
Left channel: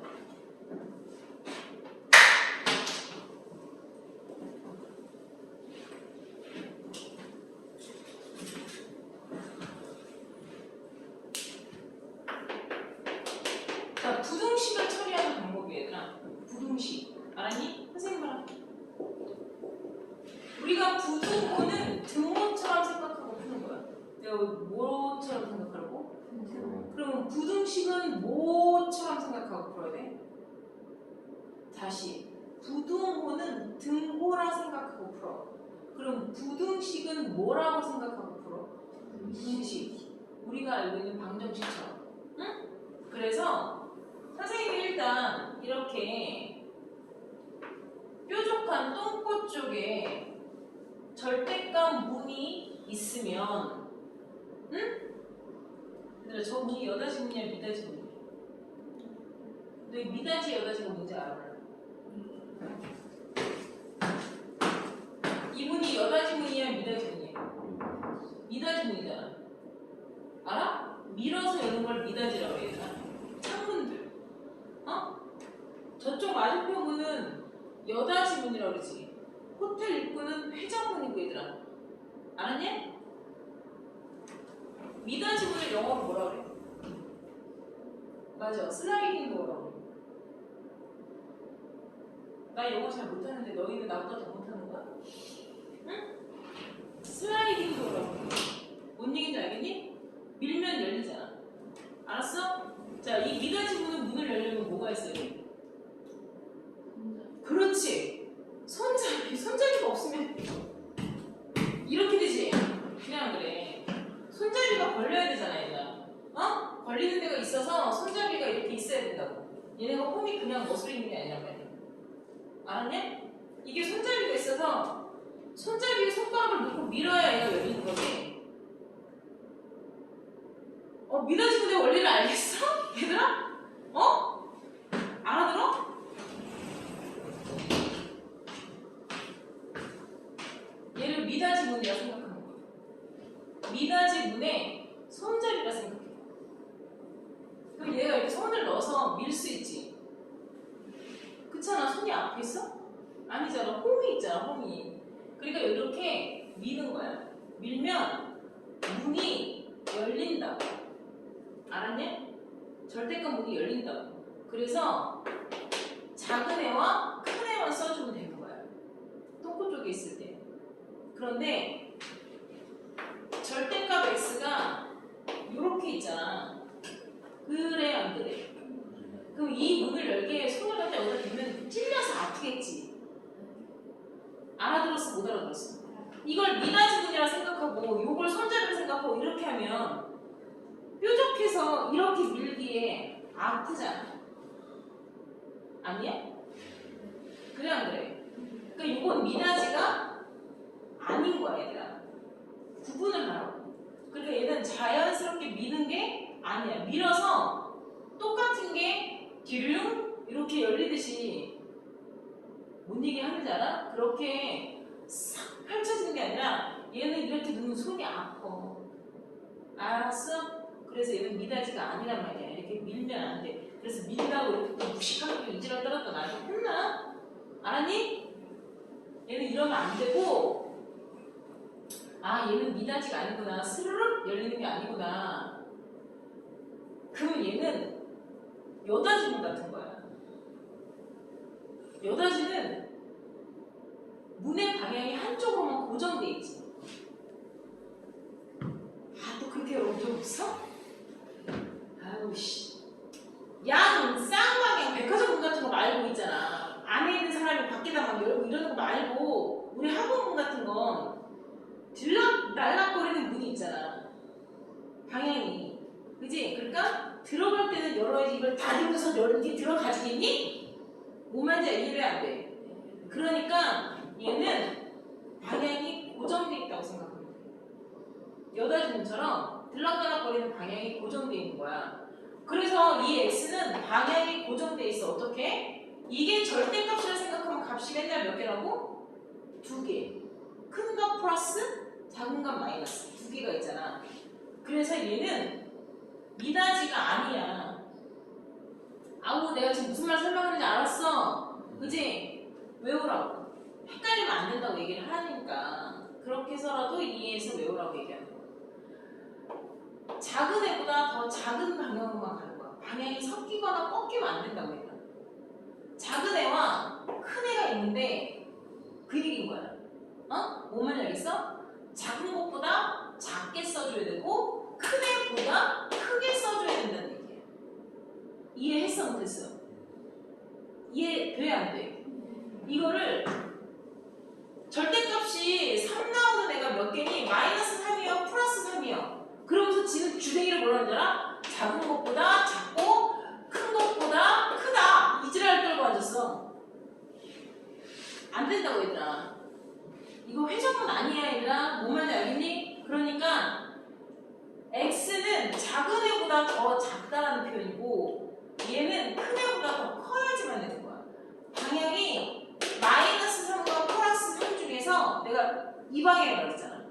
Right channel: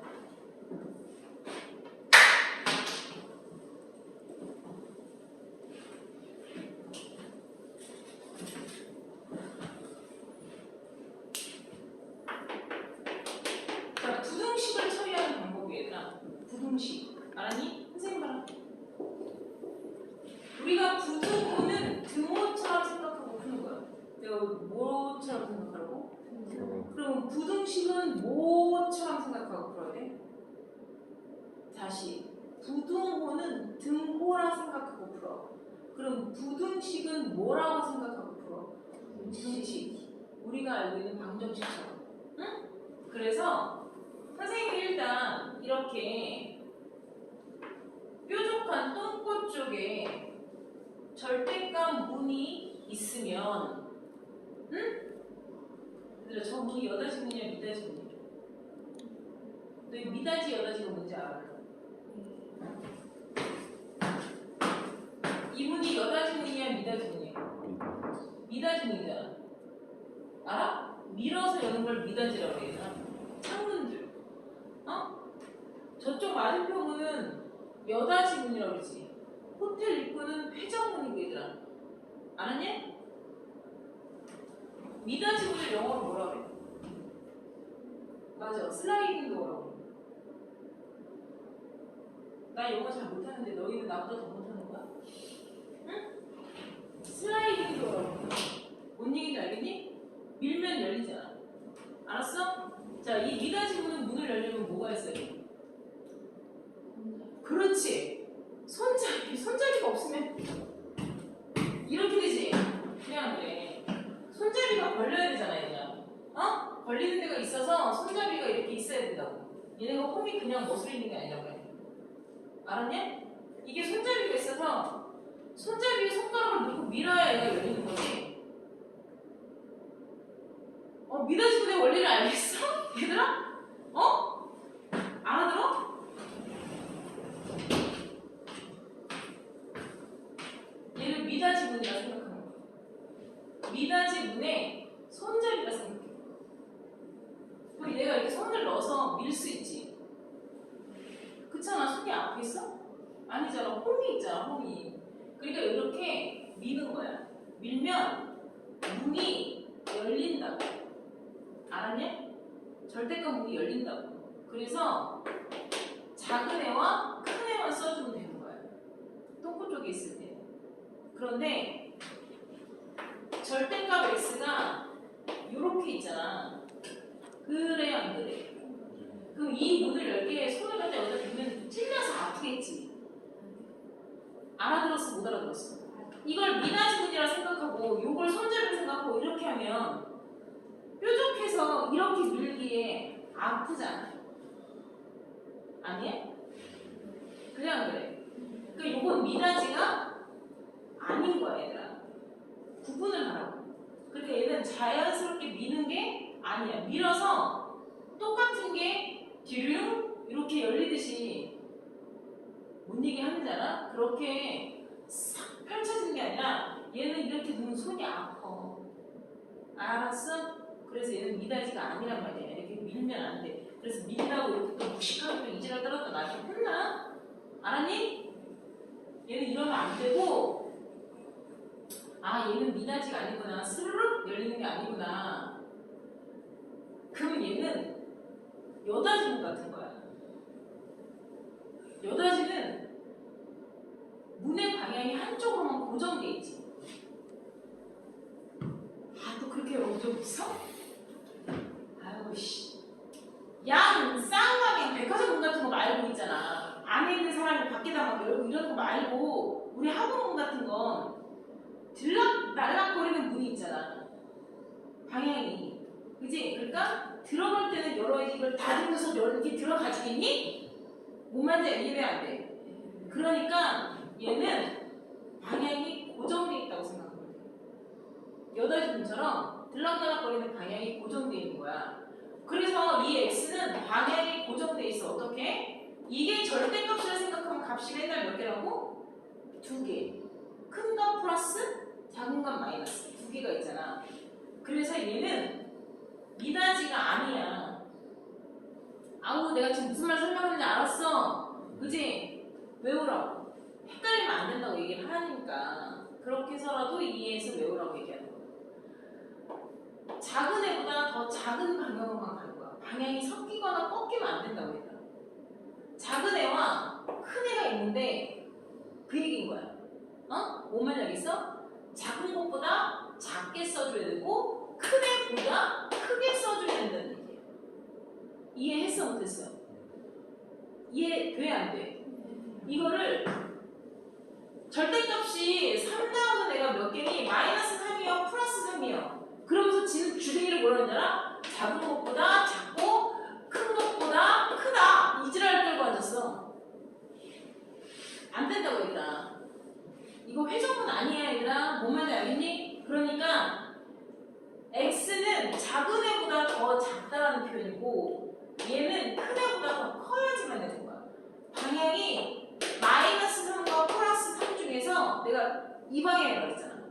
자, 부등식을 처리하는 방법이 얘들아. 부등식. 알았니? 선생님 봐라. 우리가 부등호는 등호처럼 생각하고 푸는 거야. 내가 뭐처럼 생각하라고? 그럼 부등식은 뭐처럼 생각하고 풀어야 돼? 다시. 부등호는 등호라 생각하고 풀어. 그럼 부등식은 뭐라고 생각하고 풀어? 부등식. 우리가 알고 있는 방정식처럼. 응? 그래서 선생님이 일단 이렇게 뾰족한 똥꼬 쪽에 절대값 문이 있으면, 응? 얘들아, 저 문이 여다지 문이야, 미다지 문이야? 너 미다지 여다지가 뭔지 알아? 이 문이 여다지 문이야, 미다지 문이야? 미다지 문이잖아. 알아? 밀어서 여는 걸 미다지라고 해야 되나? 창문들. 저쪽 맞은편은 여다지 문이라고 그러지. 호텔 입구는 회전문이고 얘들아. 알았냐? 미닫이 문을 영어로 뭐라 그래? 맞아. 슬라이딩 도어라고 그래. 나 영어 잘 못하는데 너희는 나보다 더 못하는 거야? 응? 슬라이딩 도어라고 그래. 뭔 얘기인지 알겠니? 밀면 열리잖아. 알았어? 자, 이 미닫이 문을 열려면 뭐가 있어야 돼? 그렇지. 손잡이가 없으면 이렇게 되지. 그냥 그래. 손잡이가 걸려야 되잖아, 얘들아. 어? 걸리는 데가 있어서 손잡이가 이렇게 있어야 된다고. 얘네가 홈이 그냥 멋으로 있는 게 아니란 말이야. 알았냐? 이게 손잡이가 있어서 손잡이에 손가락을 넣고 밀어야 얘가 열리는 거지. 미닫이 문의 원리를 알겠어? 얘들아? 알아들어? 얘를 미닫이 문이라 생각하는 거야. 미닫이 문의 손잡이라 생각해. 그럼 얘가 이렇게 손을 넣어서 밀 수 있지. 그렇잖아. 손이 앞에 있어? 아니잖아. 홈이 있잖아. 홈이. 그러니까 이렇게 미는 거야. 밀면 문이 열린다고. 알았냐? 절대값 문이 열린다고. 그래서 작은 애와 큰 애만 써주면 되는 거야. 똥꼬 쪽에 있을 때. 그런데 절대값 x가 이렇게 있잖아. 그래 안 그래? 그럼 이 문을 열게 손을 갖다 여기다 대면 찔려서 아프겠지. 알아들었어? 못 알아들었어? 이걸 미닫이 문이라 생각하고 요걸 손잡이라 생각하고 이렇게 하면 뾰족해서 이렇게 밀기에 아프잖아. 아니야? 그래 안 그래? 그러니까 요건 미닫이가 아닌 거야 얘들아. 구분을 하라고. 그러니까 얘는 자연스럽게 미는 게 아니야. 밀어서 똑같은 게 뒤로 이렇게 열리듯이 못 얘기 하는 줄 알아? 그렇게 싹 펼쳐지는 게 아니라 얘는 이렇게 누면 손이 아파. 알았어? 그래서 얘는 미닫이가 아니란 말이야. 이렇게 밀면 안 돼. 그래서 민다고 이렇게 또 무식하게 이지랄 떨었다 나한테 혼나? 알았니? 얘는 이러면 안 되고, 얘는 미닫이가 아니구나. 스르륵 열리는 게 아니구나. 그러면 얘는 여닫이문 같은 거야. 여닫이는 문의 방향이 한쪽으로만 고정돼 있지. 또 그렇게 어려워 없어? 아유 씨. 양 쌍방향 백화점 문 같은 거 말고 있잖아. 안에 있는 사람이 밖에다 막 열고 이러는 거 말고 우리 학원 문 같은 건 들락날락거리는 문이 있잖아. 방향이. 그지? 그러니까 들어갈 때는 열어야지. 이걸 닫으면서 이렇게 들어가지겠니? 뭔 말인지 이해돼 안 돼? 그러니까 얘는 방향이 고정돼 있다고 생각하면 돼. 여닫이문처럼 들락날락거리는 방향이 고정돼 있는 거야. 그래서 이 x는 방향이 고정돼 있어. 어떻게? 이게 절대값이라 생각하면 값이 맨날 몇 개라고? 2개. 큰 값 플러스 작은 값 마이너스 2개가 있잖아. 그래서 얘는 미닫이가 아니야. 내가 지금 무슨 말 설명하는지 알았어? 그지? 외우라고. 헷갈리면 안 된다고 얘기를 하니까 그렇게 해서라도 이해해서 외우라고 얘기하는 거야. 작은 애보다 더 작은 방향으로만 가는 거야. 방향이 섞이거나 꺾이면 안 된다고 얘기해. 작은 애와 큰 애가 있는데 그 얘기인 거야. 뭔 말인지 알겠어? 작은 것보다 작게 써줘야 되고 큰 애보다 크게 써줘야 된다는 얘기야. 이해했어? 못했어? 이해돼? 안 돼? 이거를 절대값이 3 나오는 애가 몇 개니? 마이너스 3이요? 플러스 3이요? 그러면서 지는 주댕이를 뭐라는 줄 알아? 작은 것보다 작고 큰 것보다 크다. 이지랄 떨고 앉았어. 안 된다고 얘들아. 이거 회전문 아니야 얘들아. 뭔 말인지 알겠니? 그러니까 x는 작은 애보다 더 작다는 표현이고 얘는 큰 애보다 더 커야지만 되는 거야. 방향이 마이너스 3과 플러스 3 중에서 내가 이 방향이라고 했잖아.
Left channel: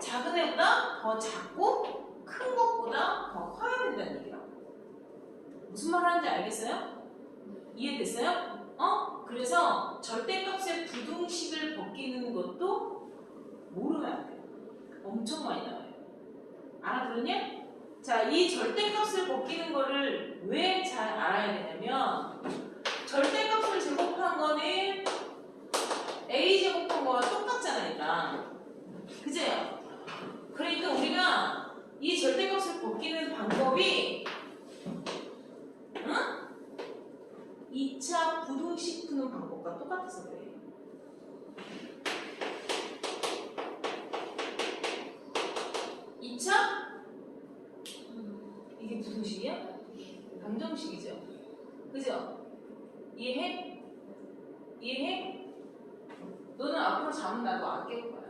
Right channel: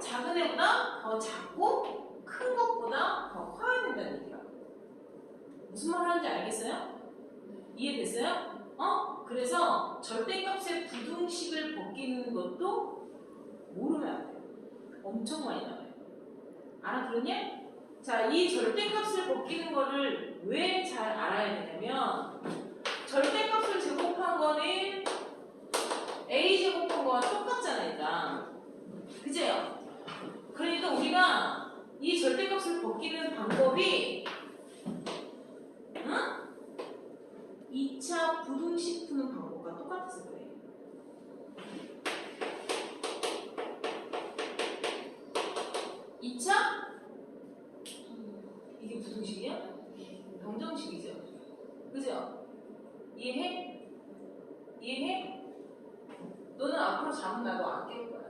작은 애보다 더 작고 큰 것보다 더 커야 된다는 얘기야. 무슨 말 하는지 알겠어요? 이해됐어요? 그래서 절대값의 부등식을 벗기는 것도 모르면 안 돼요. 엄청 많이 나와요. 알아들었냐? 자, 이 절대값을 벗기는 거를 왜 잘 알아야 되냐면 절대값을 제곱한 거는 a 제곱한 거와 똑같잖아, 일단. 그죠? 그러니까 우리가 이 절대값을 벗기는 방법이 태어나서 그래. 이차 이게 부등식이야? 방정식이죠. 그죠? 이해해? 이해해? 너는 앞으로 잠은 나도 안 깰 거야.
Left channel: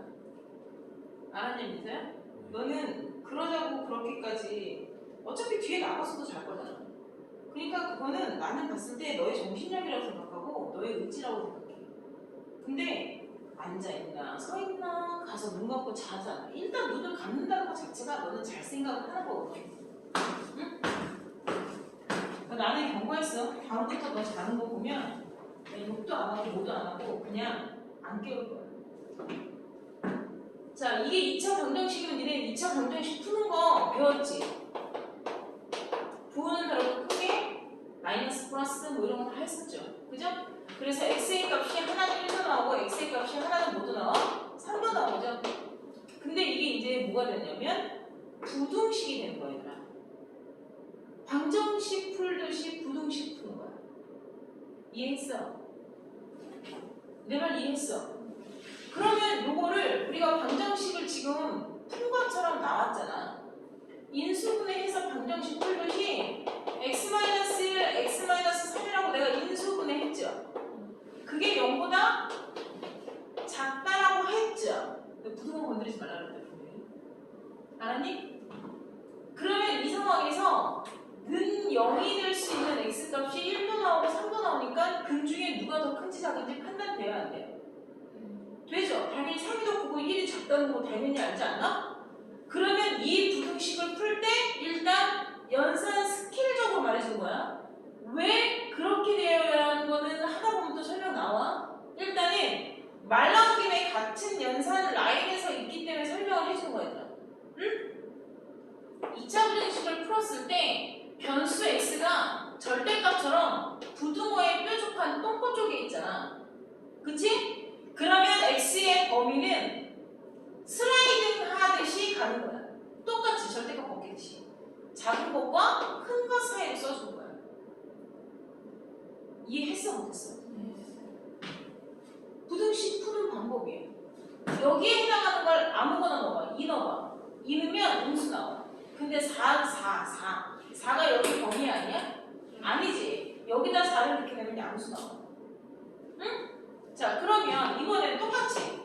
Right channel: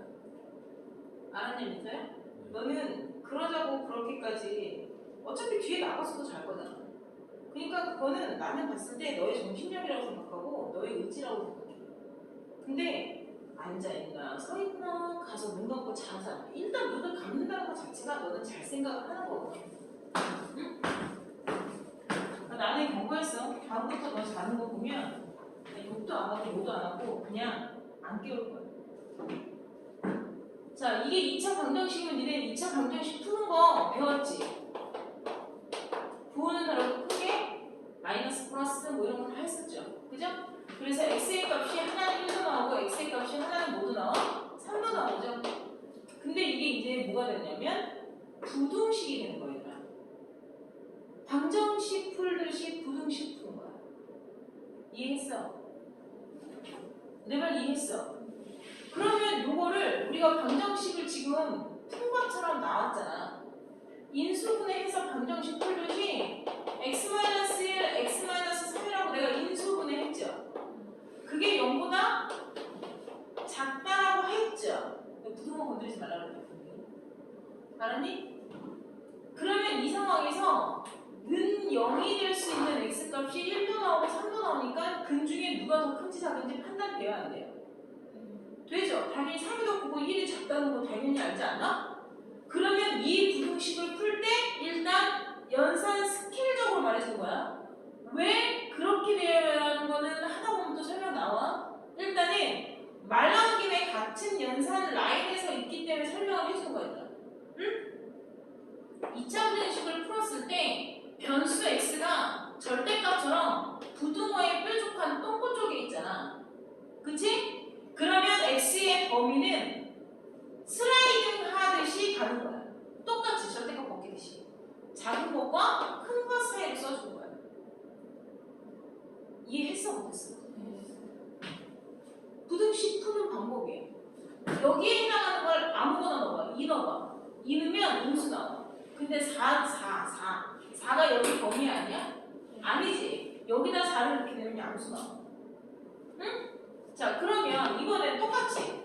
알았냐, 민서야? 너는 그러자고 그렇게까지 어차피 뒤에 나가서도 잘 거잖아. 그러니까 그거는 나는 봤을 때 너의 정신력이라고 생각하고 너의 의지라고 생각해. 근데 앉아있나 서있나 가서 눈 감고 자자. 일단 눈을 감는다는 것 자체가 너는 잘 생각을 하는 거거든. 응? 나는 경고했어. 다음부터 너 자는 거 보면 욕도 안 하고 뭐도 안 하고 그냥 안 깨울 거야. 자, 이게 2차 방정식이면 니네 2차 방정식 푸는 거 배웠지? 부호는 다르고 크게 마이너스 플러스 뭐 이런 거 다 했었죠. 그죠? 그래서 x의 값이 하나는 1도 나오고 x의 값이 하나는 뭐도 나와? 3도 나오죠. 근데 이게 이제 뭐가 되냐면 부등식이 되는 거예요. 방정식 풀듯이 부등식 푸는 거야. 이해했어? 내 말 이해했어? 그러면 요거를 우리가 방정식을 지금 푼 것처럼 나왔잖아. 인수분해해서 방정식 풀듯이 x-1, x-3이라고 내가 인수분해했죠. 그게 0보다 작다라고 했죠. 부등호 건드리지 말라고 했다. 알았니? 그러면 이 상황에서 는 0이 될 수 있는 x값이 1도 나오고 3도 나오니까 근 중에 누가 더 큰지 작은지 판단돼야 안 돼요? 되죠? 당연히 3이 더 크고 1이 작다는 거 당연히 알지 않나? 그러면 이 부등식을 풀 때 일단 연산 스케일적으로 말해주는 거야. 왜 그렇게 되어야 하는 거는 하다 보면 또 설명 나와. 일단은 말 나온 김에 같은 연산 라인에서 있기 때문에 설명을 해주는 거야. 응? 2차 부등식을 풀었을 때 변수 x가 절대값처럼 부등호에 뾰족한 똥꼬 쪽에 있잖아. 그치? 그러면 x의 범위는 슬라이딩 하듯이 가는 거야. 똑같이 절대값 벗기듯이. 작은 것과 큰 것 사이를 써주는 거야. 이해했어? 못했어? 부등식 푸는 방법이에요. 여기에 해당하는 걸 아무거나 넣어봐. 2 넣어봐. 2 넣으면 음수 나와. 근데 4가 여기 범위 아니야? 아니지. 여기다 4를 이렇게 내면 양수 나와. 응? 자, 그러면 이번엔 똑같이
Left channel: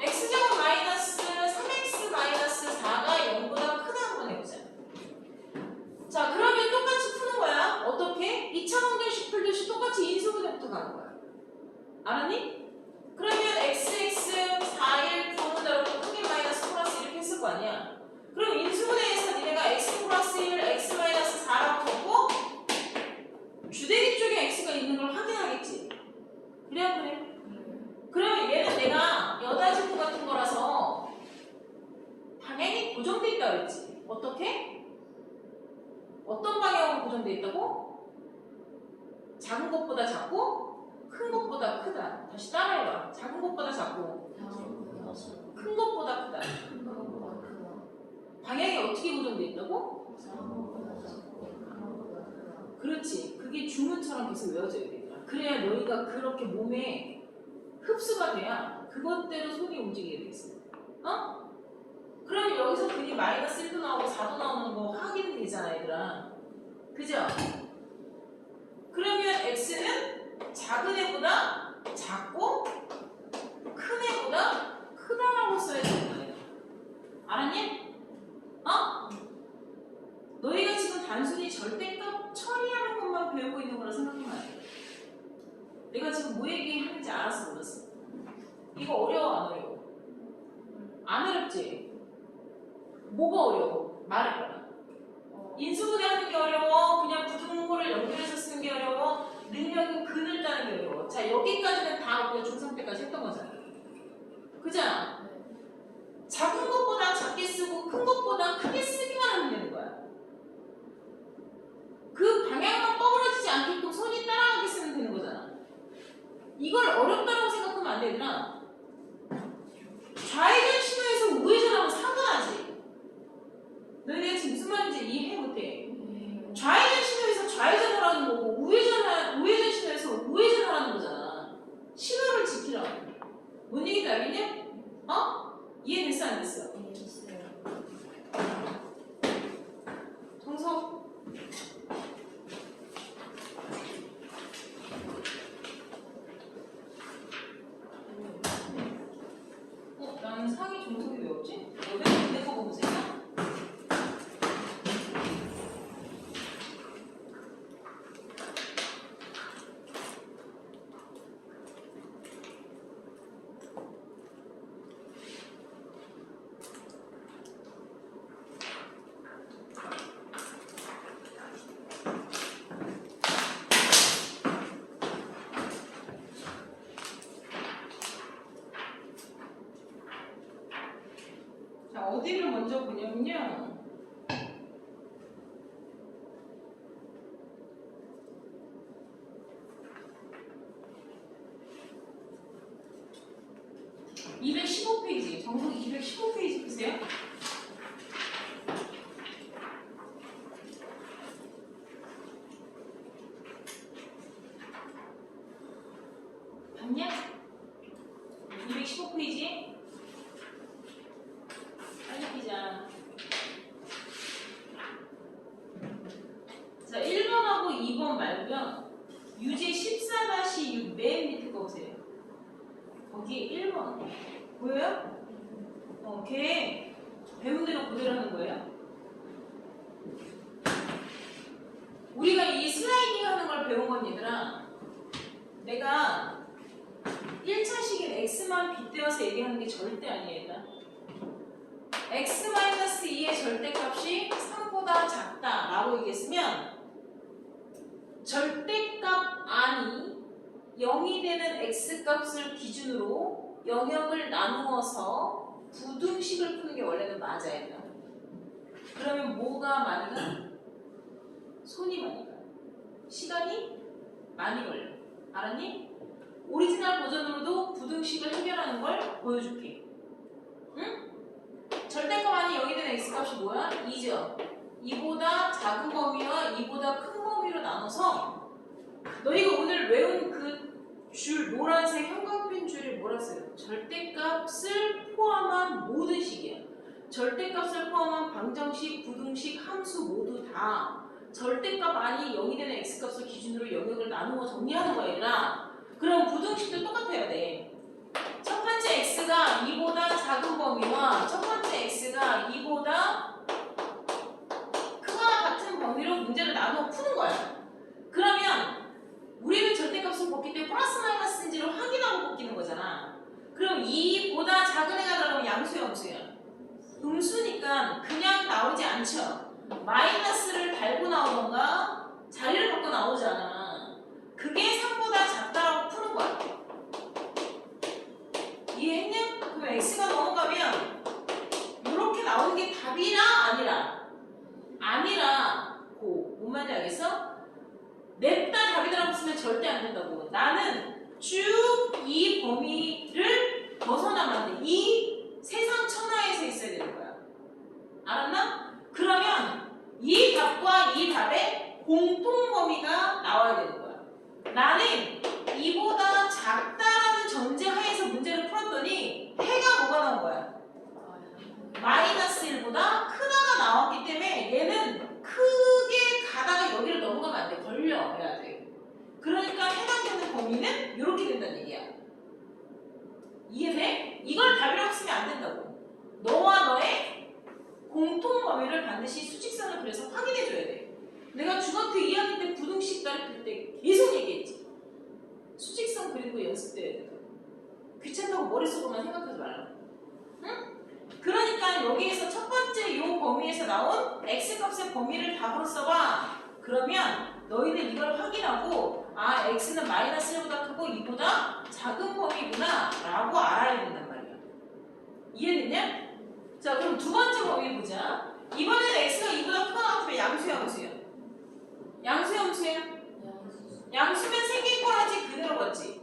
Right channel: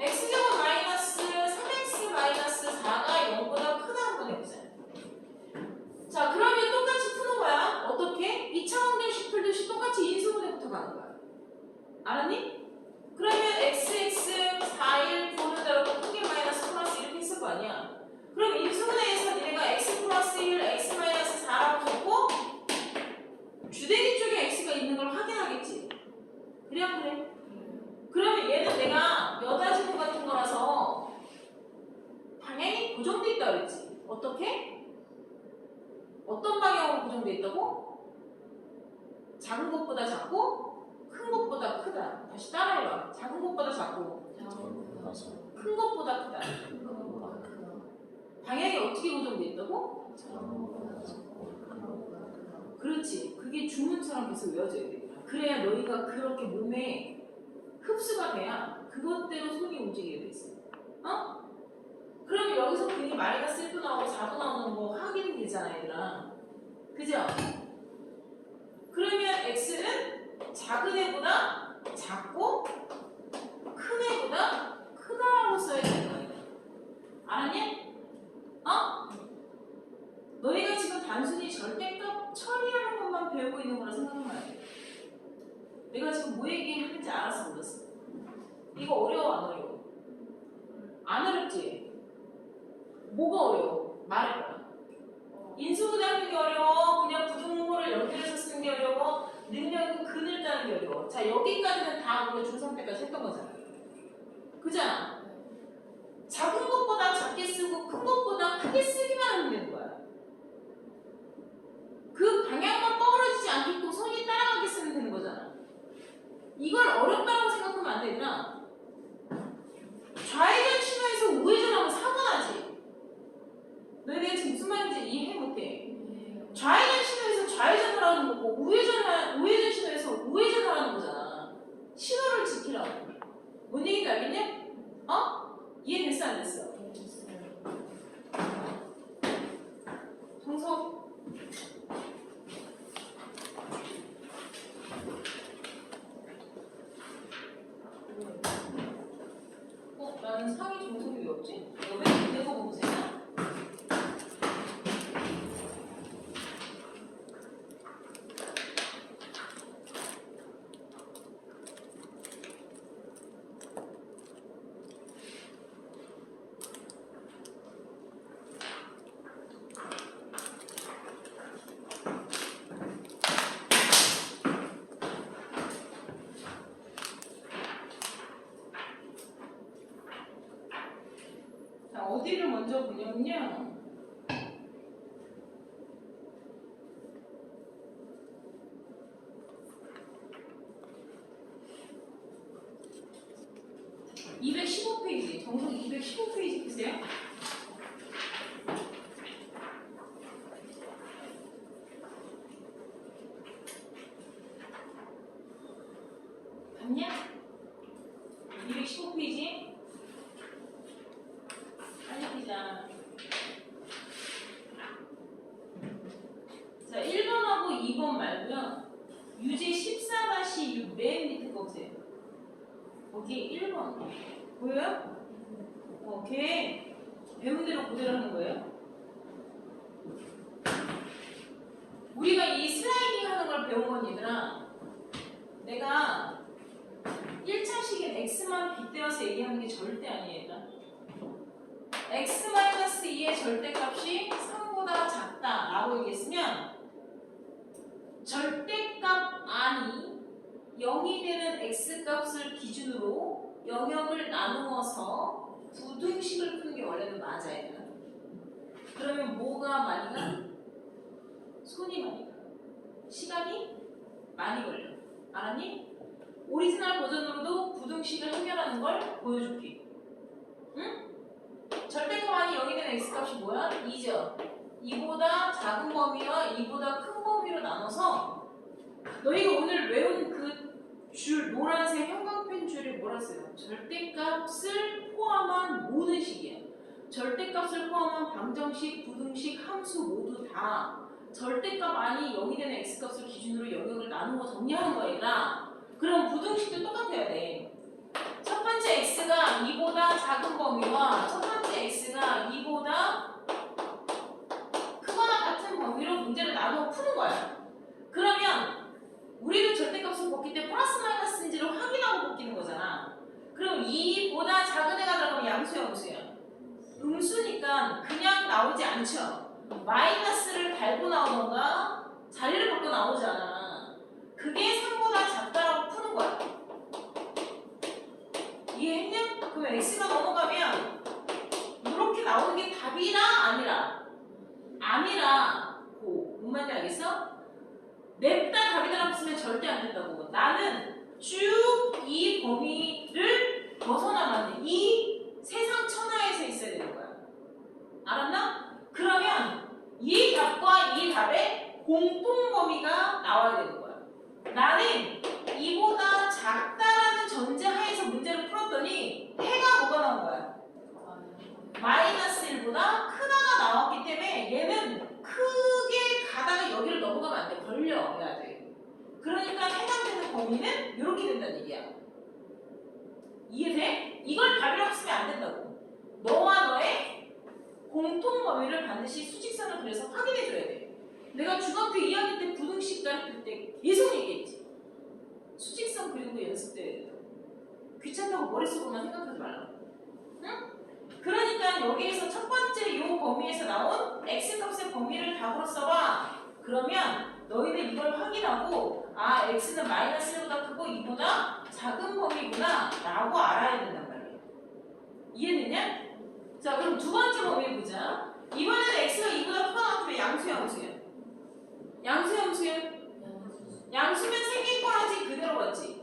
x제곱 마이너스 3x 마이너스 4가 0보다 크다 한번 해보자. 자, 그러면 똑같이 푸는 거야. 어떻게? 2차 방정식 풀듯이 똑같이 인수분해부터 가는 거야. 알았니? 그러면 xx 4일 부호는 다르고 크게 마이너스 플러스 이렇게 했을 거 아니야. 그럼 인수분해에서 니네가 x 플러스 1, x 마이너스 4라고 적고 주대기 쪽에 x가 있는 걸 확인하겠지. 그래 안 그래? 그러면 얘는 내가 여다지구 같은 거라서 방향이 고정돼 있다 그랬지. 어떻게? 어떤 방향으로 고정돼 있다고? 작은 것보다 작고 큰 것보다 크다. 다시 따라해봐. 작은 것보다 작고 큰 것보다 크다. 방향이 어떻게 고정돼 있다고? 그렇지. 그게 주문처럼 계속 외워져야 되더라. 그래야 너희가 그렇게 몸에 흡수가 돼야 그것대로 손이 움직이게 돼 있어. 어? 그럼 여기서 근이 마이너스 1도 나오고 4도 나오는 거 확인이 되잖아, 얘들아. 그죠? 그러면 x는 작은 애보다 작고 큰 애보다 크다라고 써야 되는 거야. 알았니? 어? 너희가 지금 단순히 절대값 처리하는 것만 배우고 있는 거라 생각하면 안 돼. 내가 지금 뭐 얘기하는지 알았어, 몰랐어? 이거 어려워, 안 어려워? 안 어렵지? 뭐가 어려워? 말해봐. 인수분해하는 게 어려워? 그냥 부등호를 연결해서 쓰는 게 어려워? 능력은 근을 따는 게 어려워? 자, 여기까지는 다 우리가 중3 때까지 했던 거잖아. 그잖아? 작은 것보다 작게 쓰고 큰 것보다 크게 쓰기만 하면 되는 거야. 그 방향만 뻐그러지지 않게끔 손이 따라가게 쓰면 되는 거잖아. 이걸 어렵다고 생각하면 안 되구나. 좌회전 신호에서 우회전하면 사고 나지. 너희가 지금 무슨 말인지 이해 못해. 좌회전 신호에서 좌회전을 하는 거고 우회전 신호에서 우회전을 하는 거잖아. 신호를 자, 어디를 먼저 보냐면요. (215페이지) 정석 215페이지 보세요. 봤냐? 215페이지 빨리 피자. 자, 1번하고 2번 말고요. 유제 14-6 맨 밑에 거 보세요. 거기 1번 보여요? 걔 배운 대로 그대로 하는 거예요. 우리가 이 슬라이딩 하는 걸 배운 건 얘들아, 내가 1차식인 x만 빗대어서 얘기하는 게 절대 아니에요. 얘들아. x-2의 절대값이 3보다 작다 라고 얘기했으면 절대값 안이 0이 되는 x값을 기준으로 영역을 나누어서 부등식을 푸는 게 원래는 맞아요. 그러면 뭐가 많이 가? 손이 많이 가. 시간이 많이 걸려. 알았니? 오리지널 버전으로도 부등식을 해결하는 걸 보여줄게. 응? 절대값 안이 0이 되는 x값이 뭐야? 2죠. 2보다 작은 범위와 2보다 큰 범위로 나눠서 너희가 오늘 외운 그 줄, 노란색 형광펜 줄이 뭐라 써요? 절대값을 포함한 모든 식이야. 절대값을 포함한 방정식, 부등식, 함수 모두 다 절대값 안이 0이 되는 x값을 기준으로 영역을 나누어 정리하는 거야. 그럼 부등식도 똑같아야 돼. 첫 번째 x가 2보다 작은 범위와 첫 번째 x가 2보다 크거나 같은 범위로 문제를 나누어 푸는 거야. 그러면 우리는 절대값을 뽑기 때문에 플러스 마이너스인지를 확인하고 뽑기는 거잖아. 그럼 2보다 작은 애가 들어가면 양수야, 음수야? 음수니까 그냥 나오지 않죠. 마이너스를 달고 나오던가 자리를 바꿔 나오잖아. 그게 3보다 작다라고 푸는 거야. 이해했냐? 그럼 x가 넘어가면 이렇게 나오는 게 답이라 아니라? 아니라고. 뭔 말인지 알겠어? 냅다 답이 들어갔으면 절대 안 된다고. 나는 쭉 이 범위를 벗어나면 돼. 이 세상 천하에서 있어야 되는 거야. 알았나? 그러면 이 답과 이 답의 공통 범위가 나와야 되는 거야. 나는 이보다 작다라는 전제 하에서 문제를 풀었더니 해가 뭐가 나온 거야? 마이너스 1보다 크다가 나왔기 때문에 얘는 크게 가다가 여기를 넘어가면 안 돼. 걸려야 돼. 그러니까 해당되는 범위는 이렇게 된다는 얘기야. 이해돼? 이걸 답이라고 쓰면 안 된다고. 너와 너의 공통 범위를 반드시 수직선을 그려서 확인해줘야 돼. 내가 중학교 2학년 때 부등식 가르칠 때 계속 얘기했지. 수직선 그리는 거 연습돼야 된다고. 귀찮다고 머릿속으로만 생각하지 말라고. 응? 그러니까 여기에서 첫 번째 이 범위에서 나온 x값의 범위를 답으로 써봐. 그러면 너희들 이걸 확인하고 아 x는 마이너스 1보다 크고 2보다 작은 범위구나 라고 알아야 된단 말이야. 이해됐냐? 자 그럼 두 번째 범위 보자. 이번에는 x가 2보다 크거나 같으면 양수야 음수야? 양수야 음수야? 양수면 생긴 꼬라지 그대로 걷지.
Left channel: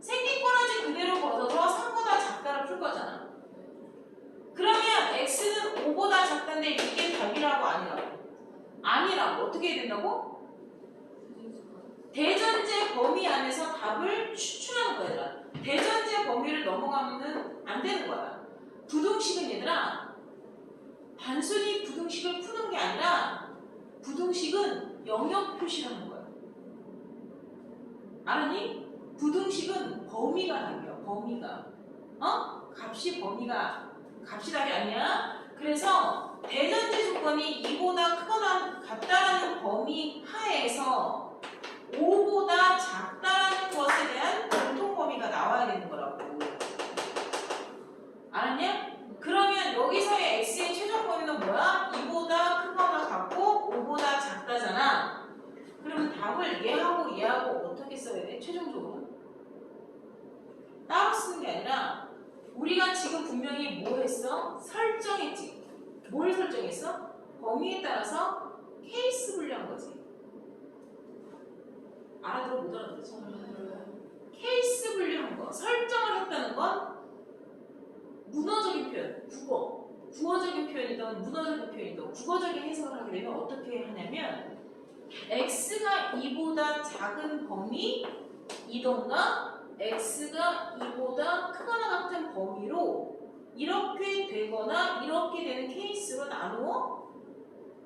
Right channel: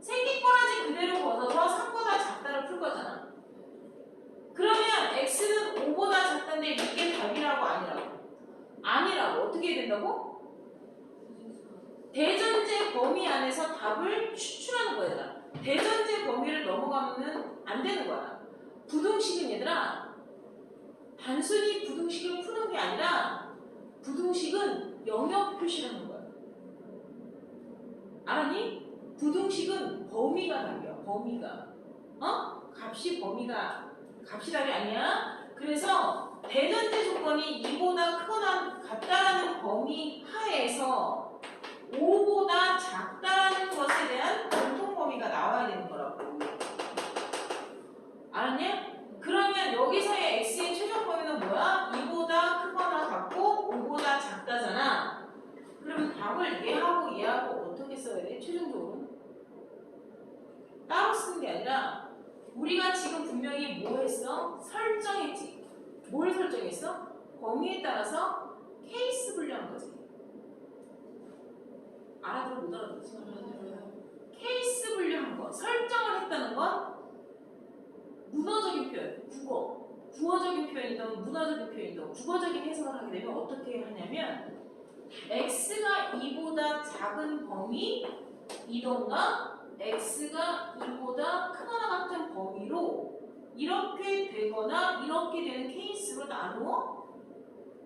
생긴 꼬라지 그대로 걷어서 3보다 작다를 풀 거잖아. 그러면 x는 5보다 작다인데 이게 답이라고 아니라고? 아니라고. 어떻게 해야 된다고? 대전제 범위 안에서 답을 추출하는 거야. 얘들아. 대전제 범위를 넘어가면 안 되는 거야. 부등식은 얘들아 단순히 부등식을 푸는 게 아니라 부등식은 영역 표시를 하는 거야. 알았니? 부등식은 범위가 답이야. 범위가. 값이 범위가 값이 답이 아니야. 그래서 대전제 조건이 2보다 크거나 같다라는 범위 하에서 5보다 작다라는 것에 대한 공통 범위가 나와야 되는 거라고. 알았냐? 그러면 여기서의 x의 최종 범위는 뭐야? 2보다 크거나 같고 5보다 작다잖아. 그러면 답을 얘하고 얘하고 어떻게 써야 돼? 최종적으로 따로 쓰는 게 아니라 우리가 지금 분명히 뭐 했어? 설정했지. 뭘 설정했어? 범위에 따라서 케이스 분류한 거지. 알아들어 못 알아들었지? 케이스 분류한 거. 설정을 했다는 건 문어적인 표현, 구어적인 표현이든 문어적인 표현이든 국어적인 해석을 하게 되면 어떻게 하냐면 x가 2보다 작은 범위이던가 x가 2보다 크거나 같은 범위로 이렇게 되거나 이렇게 되는 케이스로 나누어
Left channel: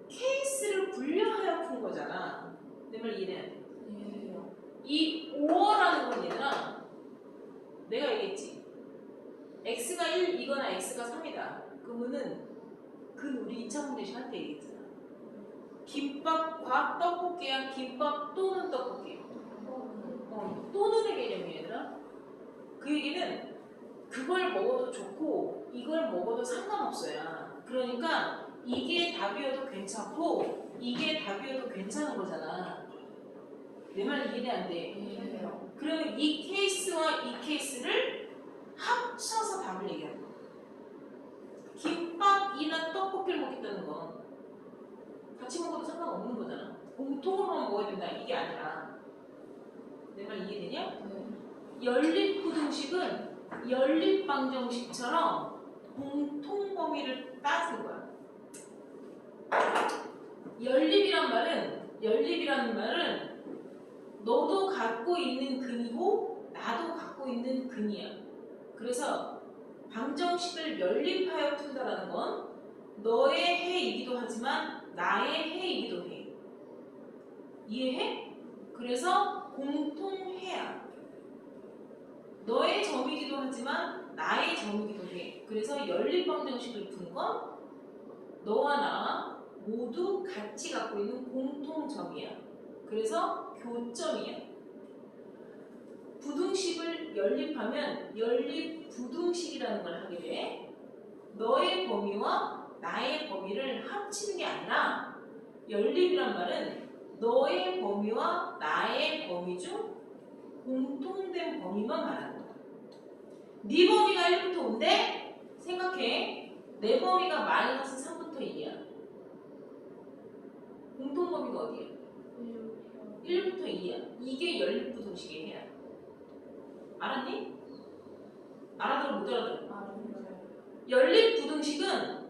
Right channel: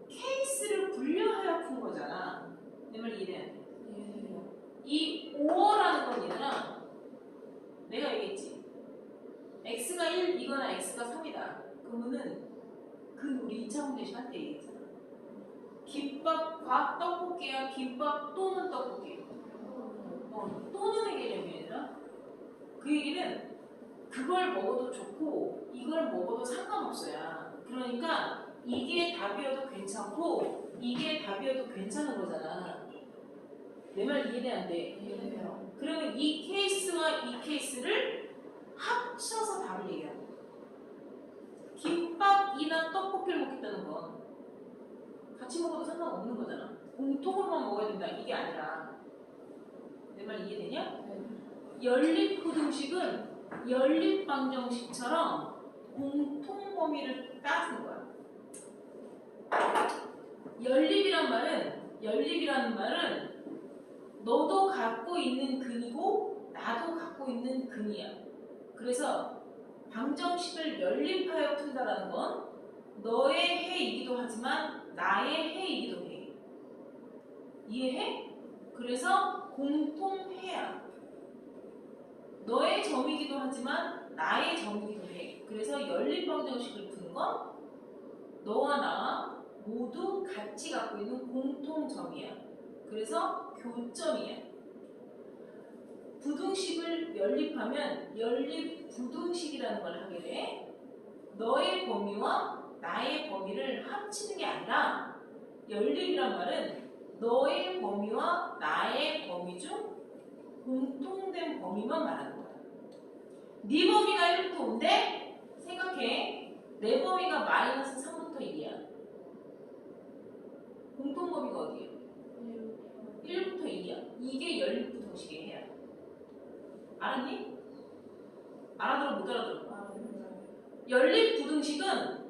케이스를 분류하여 푼 거잖아. 내 말 이해돼? 이 5어라는 건 얘들아 내가 얘기했지. x가 1이거나 x가 3이다. 그러면은 우리 2차 문제 시간 때 얘기했잖아. 김밥과 떡볶이야. 김밥 또는 떡볶이. 또는의 개념이야 얘들아. 그 얘기는 그걸 먹어도 좋고 이걸 먹어도 상관없어요. 그러니까 이게 답이어도 괜찮고 이게 답이어도 괜찮은 거잖아. 내 말 이해돼 안 돼? 그러면 이 케이스와 이 케이스를 합쳐서 답을 얘기하는 거야. 김밥이나 떡볶이를 먹겠다는 건 같이 먹어도 상관없는 거잖아. 공통으로만 먹어야 된다 이게 아니라. 내 말 이해되냐? 연립부등식은 연립방정식처럼 공통 범위를 따지는 거야. 연립이라는 말은 너도 갖고 있는 근이고 나도 갖고 있는 근이야. 그래서 방정식을 연립하여 푼다라는 건 너의 해이기도 하지만 나의 해이기도 해. 이해해? 그래서 공통해야. 너의 점이기도 하지만 나의 점이기도 해. 그래서 연립방정식을 푸는 건 너와 나 모두 같이 갖고 있는 공통점이야. 그래서 교점이야. 부등식을 연립하면 연립부등식이라는 걸 하게 돼. 너의 범위와 나의 범위를 합치는 게 아니라 연립이란 말은 너의 범위와 나의 범위 중 공통된 범위만 말하는 거야. 네 범위가 1부터 5인데 생각해. 내 범위가 마이너스 3부터 2야. 공통 범위가 어디야? 1부터 2야. 이게 연립부등식의 해야. 알았니? 알아들어 못 알아들어? 연립부등식은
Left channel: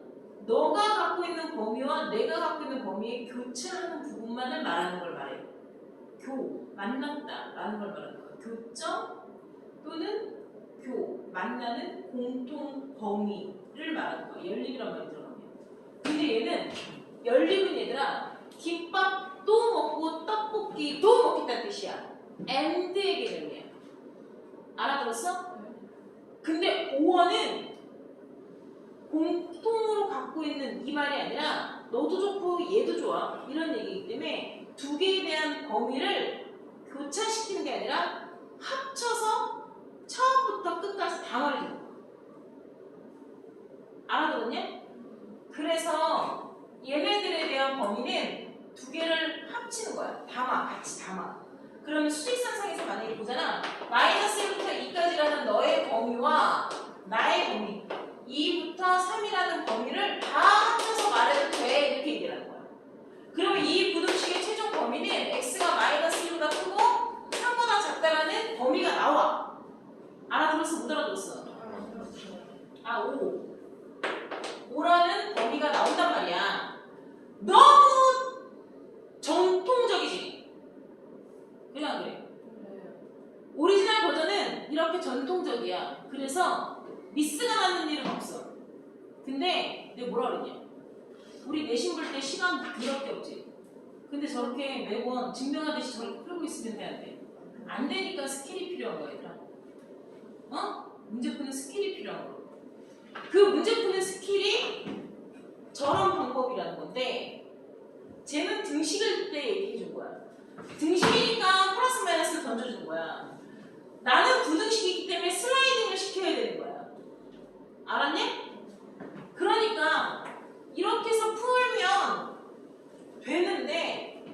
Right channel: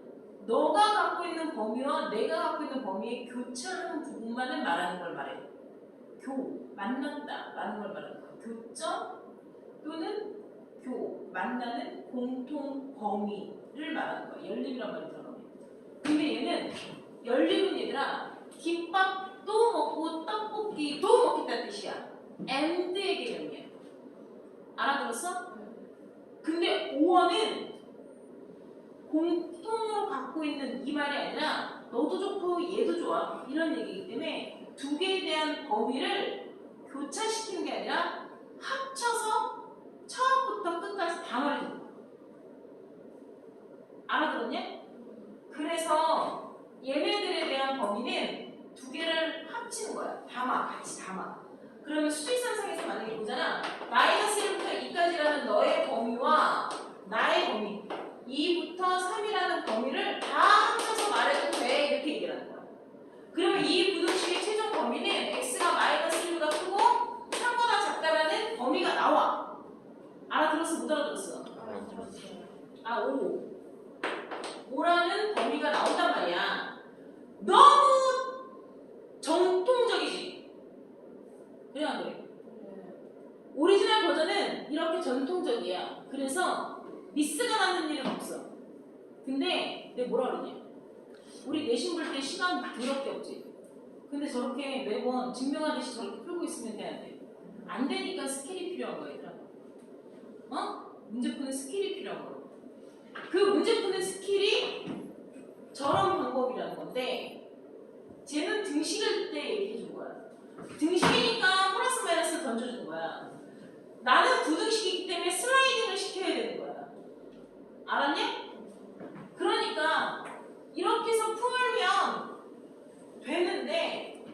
너가 갖고 있는 범위와 내가 갖고 있는 범위의 교차하는 부분만을 말하는 걸 말해. 만났다 라는 걸 말하는 거야. 교점 또는 만나는 공통 범위를 말하는 거야. 연립이란 말이 들어가면. 근데 연립은 얘들아 김밥도 먹고 떡볶이도 먹겠다는 뜻이야. and의 개념이야. 알아들었어? 근데 5어는 공통으로 갖고 있는 이 말이 아니라 너도 좋고 얘도 좋아 이런 얘기이기 때문에 두 개에 대한 범위를 교차시키는 게 아니라 합쳐서 처음부터 끝까지 다 말해주는 거야. 알아들었냐? 그래서 얘네들에 대한 범위는 두 개를 합치는 거야. 같이 담아. 그러면 수직선상에서 만약에 보잖아. 마이너스 1부터 2까지라는 너의 범위와 나의 범위 2부터 3이라는 범위를 다 합쳐서 말해도 돼. 이렇게 얘기를 하는 거야. 그러면 이 부등식의 최종 범위는 x가 마이너스 1보다 크고 3보다 작다라는 범위가 나와. 알아들었어? 못 알아들었어? 5라는 범위가 나온단 말이야. 너무 정통적이지? 그래 안 그래? 오리지널 버전은 이렇게 전통적이야. 그래서 미스가 나는 일은 없어. 근데 내가 뭐라 그러냐? 우리 내신 볼 때 시간 더럽게 없지? 근데 저렇게 매번 증명하듯이 저렇게 풀고 있으면 돼야 돼. 안 되니까 스킬이 필요한 거야, 얘들아. 문제 푸는 스킬이 필요한 거. 그 문제 푸는 스킬이 저런 방법이라는 건데 쟤는 등식을 때 얘기해 준 거야. 등식이니까 플러스 마이너스 던져준 거야. 나는 부등식이기 때문에 슬라이딩을 시켜야 되는 거야. 알았냐? 그러니까 이렇게 해서 풀면 되는데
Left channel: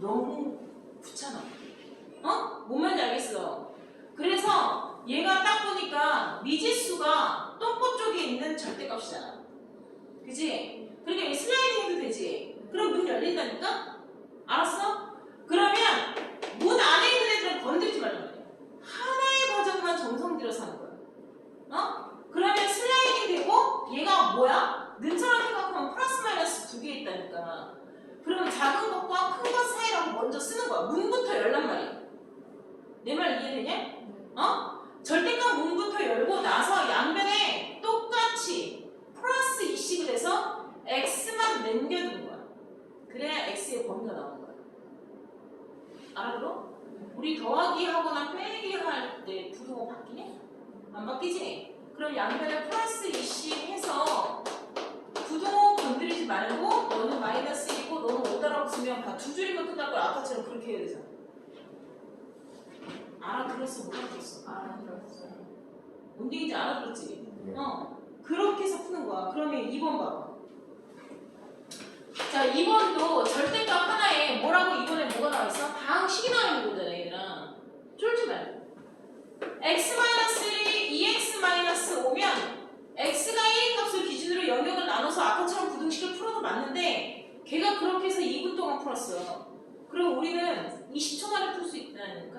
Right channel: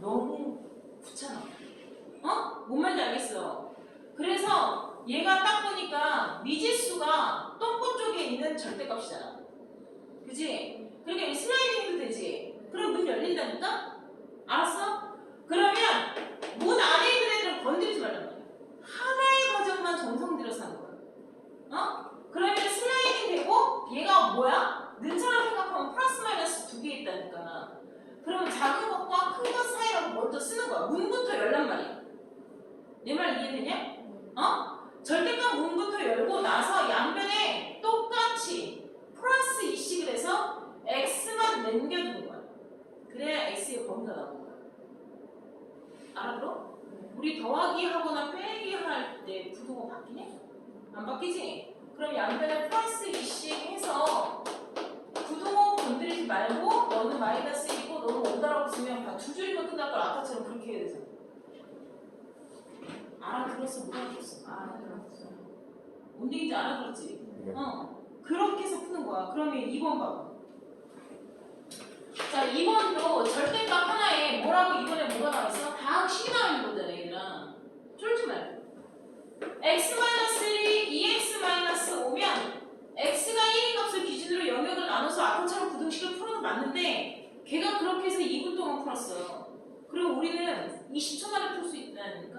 너무 귀찮아. 뭔 말인지 알겠어. 그래서 얘가 딱 보니까 미지수가 똥꼬 쪽에 있는 절대값이잖아. 그지? 그러니까 이 슬라이딩도 되지. 그럼 문 열린다니까? 알았어? 그러면 문 안에 있는 애들은 건드리지 말란 말이야. 하나의 과정만 정성 들여서 하는 거야. 어? 그러면 슬라이딩 되고 얘가 뭐야? 는처럼 생각하면 플러스 마이너스 두 개 있다니까. 그러면 작은 것과 큰 것 사이라고 먼저 쓰는 거야. 문부터 열란 말이야. 내 말 이해되냐? 어? 절대값 문부터 열고 나서 양변에 똑같이 플러스 2씩을 해서 x만 남겨두는 거야. 그래야 x의 범위가 나오는 거야. 알아들어? 우리 더하기 하거나 빼기 할 때 부등호 바뀌냐? 안 바뀌지? 그럼 양변에 플러스 2씩 해서 부등호 건드리지 말고 너는 마이너스 1이고 너는 5다라고 쓰면 다 두 줄이면 끝날 걸 아까처럼 그렇게 해야 되잖아. 알아들었어? 못 알아들었어? 알아들었어. 뭔 얘기인지 알아들었지? 네. 그렇게 해서 푸는 거야. 그러면 2번 봐봐. 자, 2번도 절대값 하나에 뭐라고 이번에 뭐가 나와있어? 다항식이 나와있는 거잖아, 얘들아. 쫄지 말고. x-1이 2x-5면 x가 1인 값을 기준으로 영역을 나눠서 아까처럼 부등식을 풀어도 맞는데 걔가 그렇게 해서 2분 동안 풀었어. 그럼 우리는 20초 만에 풀 수 있다니까?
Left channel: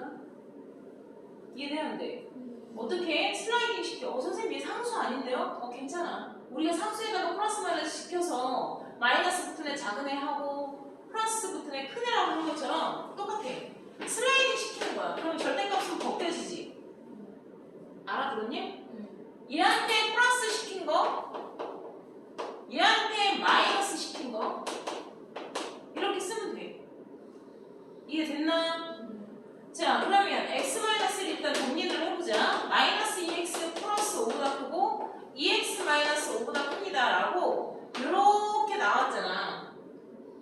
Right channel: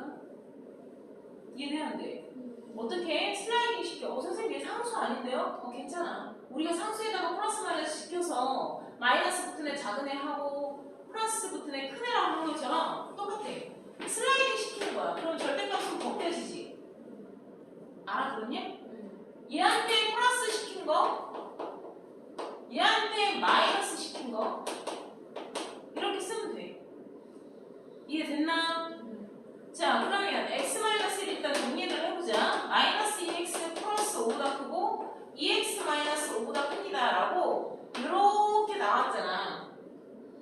이해돼야 안 돼? 어떻게 슬라이딩 시켜? 선생님 얘 상수 아닌데요? 괜찮아. 우리가 상수에다가 플러스 마이너스 시켜서 마이너스 붙은 애 작은 애 하고 플러스 붙은 애 큰 애라고 하는 것처럼 똑같아. 슬라이딩 시키는 거야. 그럼 절대값은 벗겨지지. 알아들었니? 얘한테 플러스 시킨 거, 얘한테 마이너스 시킨 거 이렇게 쓰면 돼. 이해됐나? 자, 그러면 x-1을 일단 정리를 해보자. 마이너스 2x 플러스 5보다 크고 2x 마이너스 5보다 큽니다 라고 이렇게 나왔잖아.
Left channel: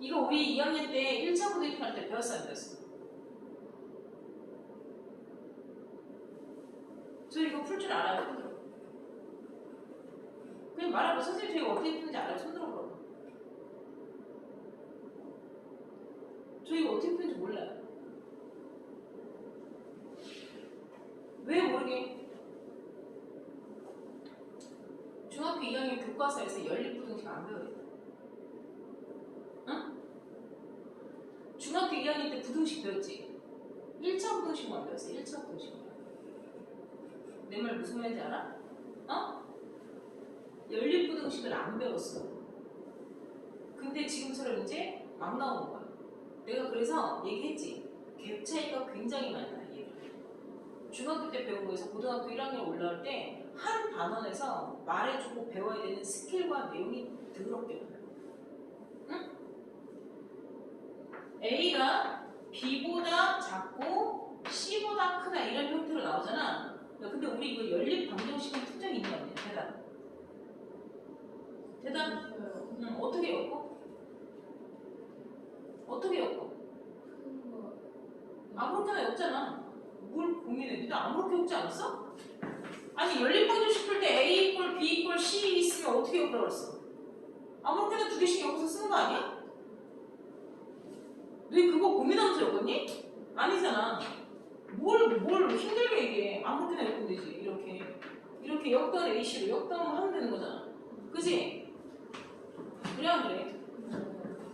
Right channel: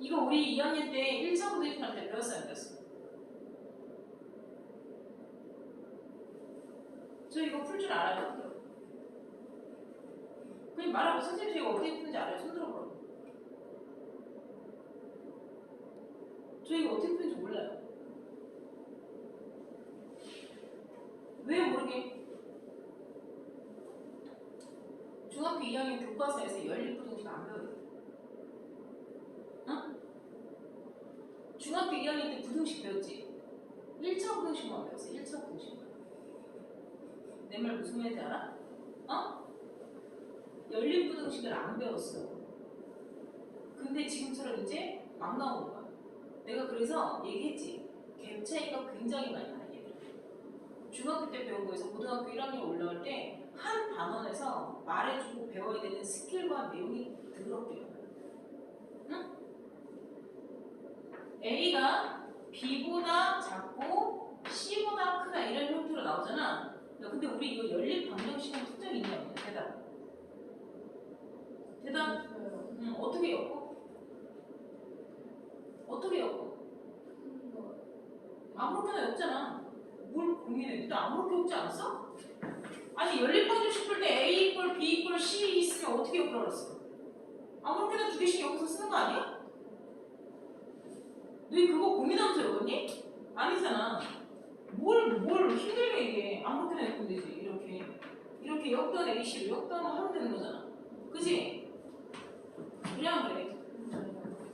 이거 우리 2학년 때 1차 부등식 할 때 배웠어 안 배웠어? 저 이거 풀 줄 알아요? 손 들어. 그냥 말하고 선생님 저 이거 어떻게 푸는지 알아요? 손 들어보라고. 저 이거 어떻게 푸는지 몰라요. 왜 모르게? 중학교 2학년 교과서에서 연립부등식 안 배워요. 응? 중학교 2학년 때 부등식 배웠지? 1차 부등식만 배웠어. 1차 부등식만. 내 말 무슨 말인지 알아? 연립부등식을 안 배웠어. 근데 지금처럼 이제 막 나오는 거야. 내가 그래서 얘기했지. 갭 차이가 굉장히 많이 나. 중학교 때 배운 거에서 고등학교 1학년 올라올 때 한 단원에서 말해주고 배워야 되는 스킬과 내용이 더럽게 많아요. 응? A가 B보다 작고 C보다 크다 이런 형태로 나오잖아. 야, 근데 우리 이거 연립 방정식은 특정이 있냐 없냐? 대답. 대답. 응, 어떻게 엮어? 어떻게 엮어? 아무렇게나 엮잖아. 뭘 고민해? 니도 아무렇게 엮지 않았어? 아니 연립방정식 풀 때 A 이꼴 B 이꼴 C 있으면 어떻게 엮으라고 그랬어? 아무렇게나 두 개씩 엮어서 쓰는 거 아니야? 너 그거 고민하면서 엮었니? 아니잖아. 뭘 힘들게 얘기해. 아무렇게나 엮으면 되지. 이렇게 엮던 AC로 엮던 하면 되는 거잖아. 그지? 그래 안 그래?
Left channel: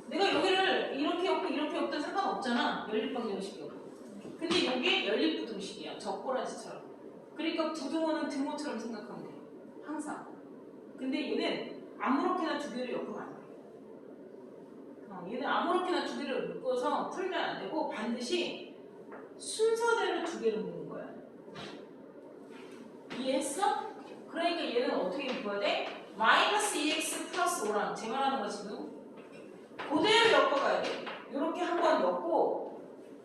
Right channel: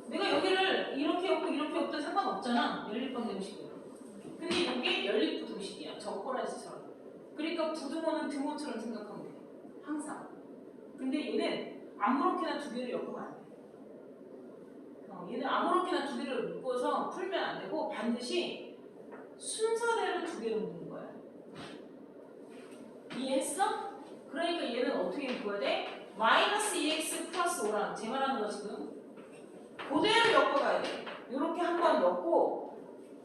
내가 여기를 이렇게 엮든 상관없잖아. 연립방정식은. 근데 이게 연립부등식이야. 적고라지처럼. 그러니까 부등호는 등호처럼 생각하면 돼. 항상. 근데 얘는 아무렇게나 두 개를 엮으면 안 돼. 얘는 아무렇게나 두 개를 묶어서 풀면 안 되고 반드시 순서대로 두 개를 묶는 거야. 이해했어? 그러니까 얘는 어떻게 묶어야 돼? 마이너스 2x 플러스 5랑 제 말하는 거 지금 그대로 엮어가야 돼. 이렇게 한 번 엮고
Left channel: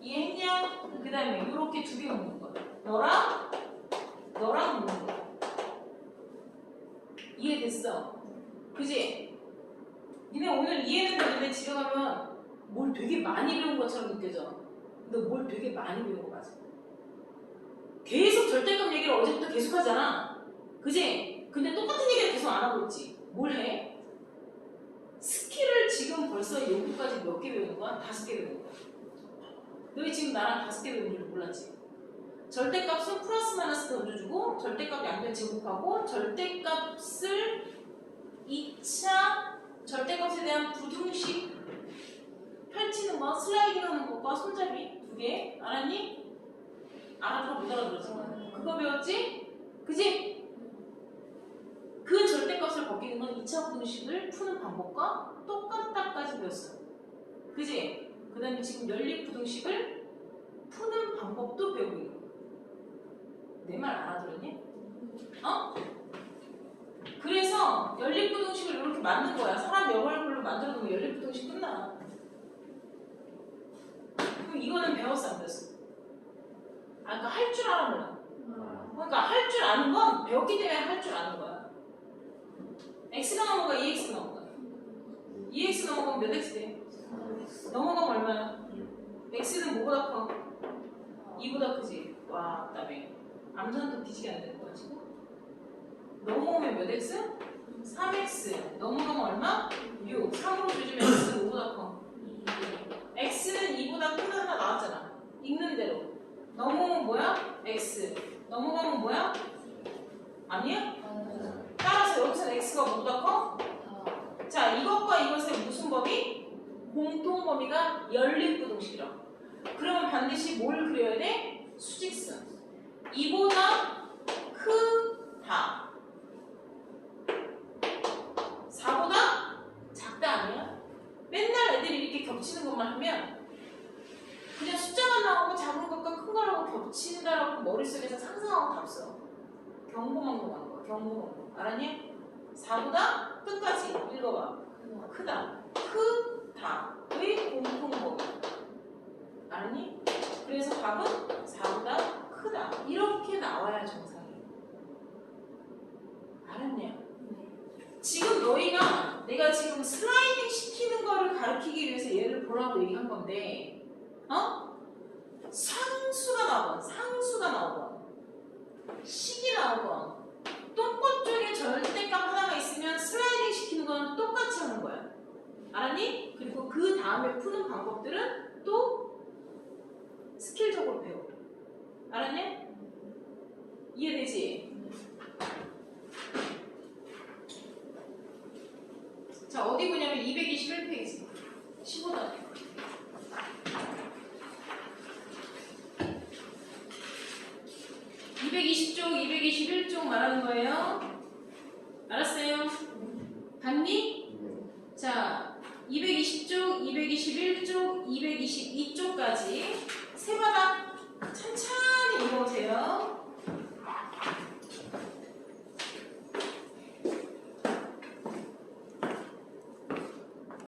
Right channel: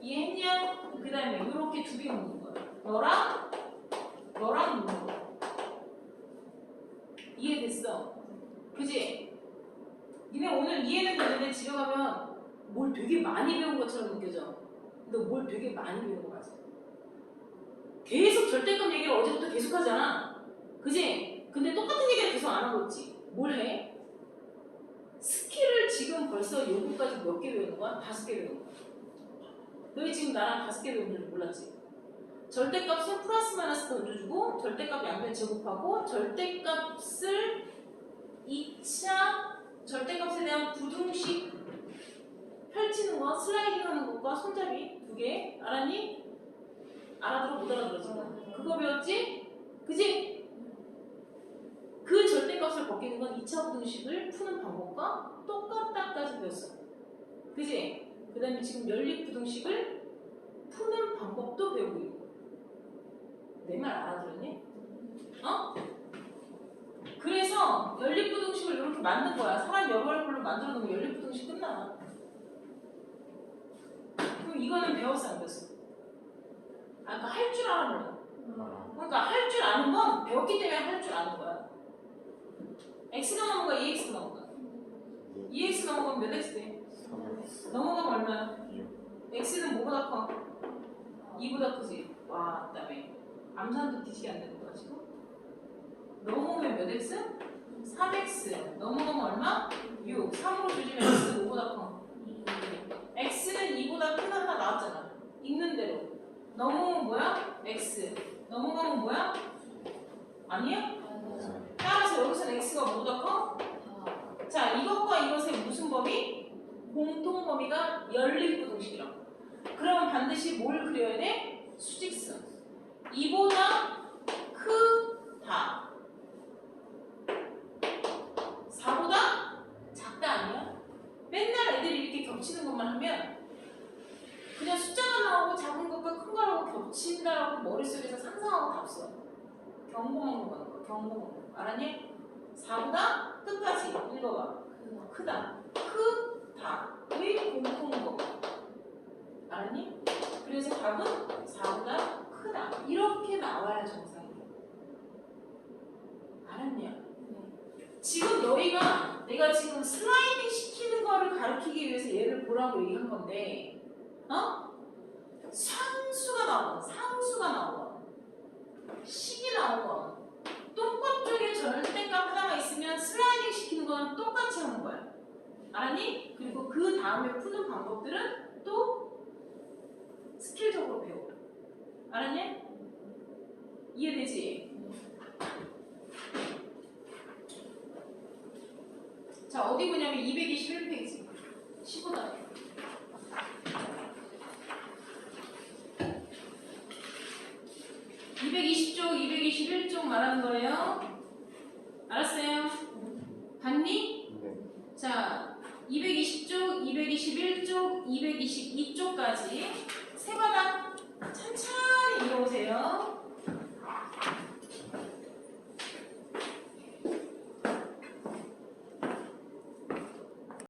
이해했냐? 그 다음에 이렇게 두 개 묶는 거야. 너랑 묶는 거야. 이해됐어? 그지? 니네 오늘 이해는 되는데 집에 가면 뭘 되게 많이 배운 것처럼 느껴져. 너 뭘 되게 많이 배운 거 맞아. 계속 절대값 얘기를 어제부터 계속 하잖아. 그지? 근데 똑같은 얘기를 계속 안 하고 있지. 뭘 해? 스킬을 지금 벌써 요구까지 몇 개 배우는 거야? 5개 배우는 거야. 너희 지금 나랑 5개 배운 줄 몰랐지? 절대값은 플러스 마이너스 던져주고 절대값 양변 제곱하고 절대값을 2차 절대값에 대한 부등식 펼치는 거, 슬라이딩 하는 것과 손잡이 두 개. 알았니? 알아들어 못 알아들었어? 그거 배웠지? 그지? 그 절대값을 벗기는 건 2차 부등식을 푸는 방법과 똑같다까지 배웠어. 그지? 그 다음에 지금 연립부등식을 푸는 방법도 배우고 있고. 내 말 알아들었니? 어? 그래서 연립부등식을 이렇게 만든 거야. 사람 여벌별로 만들어 놓으면 연립부등식 끝나. 그럼 이거는 배웠어 안 배웠어? 그러니까 할 줄 알아 몰라. 그러니까 할 줄 아는 건 배웠기 때문에 할 줄 아는 거야. x가 넘어가 2x 넘어가. 2x 넘어가면 몇 x 돼? 넘어가면 얼마야? x는 뭐보다 커? 2보다 크지? 와, 그다음에 암산도 뒤지게 안 되는 거야 지금? 넘어오면 몇 x? 3x. 넘어가면 얼마? 6. 3으로 조지면 x는 5보다 커. x는 2보다 큰 하나 나왔잖아. 읽는 대로. 넘어오면 뭐야? x. 넘어가면 뭐야? 아니야? 따라서 여기서는 x가 뭐보다 커? 자, 이것과 이것의 무슨 범위? 공통 범위가 연립부등식이라고. 그러면 반드시 뭘 그려야 돼? 수직선. 2보다 크다. 4보다 작다 아니야? 맨날 애들이 이렇게 겹치는 것만 하면 그냥 숫자만 나오고 작은 것과 큰 거라고 겹친다라고 머릿속에서 상상하고 다 없어. 경고망고 가는 거야. 경고망고. 알았니? 4보다 끝까지 읽어봐. 크다. 크다의 공통범위. 알았니? 그래서 답은 4보다 크다. 이렇게 나와야 정상이에요. 알았냐? 지금 너희가 내가 지금 슬라이딩 시키는 거를 가르치기 위해서 얘를 보라고 얘기한 건데, 어? 상수가 나오건, 상수가 나오건, 식이 나오건, 똥꼬 쪽에 절대값 하나가 있으면 슬라이딩 시키는 건 똑같이 하는 거야. 알았니? 그리고 그 다음에 푸는 방법들은 또 스킬적으로 배워. 알았냐? 이해되지? 자, 어디 보냐면 221페이지 15단 220쪽, 221쪽 말하는 거예요. 알았어요? 봤니? 자, 220쪽, 221쪽, 222쪽까지 세 바닥 천천히 읽어보세요.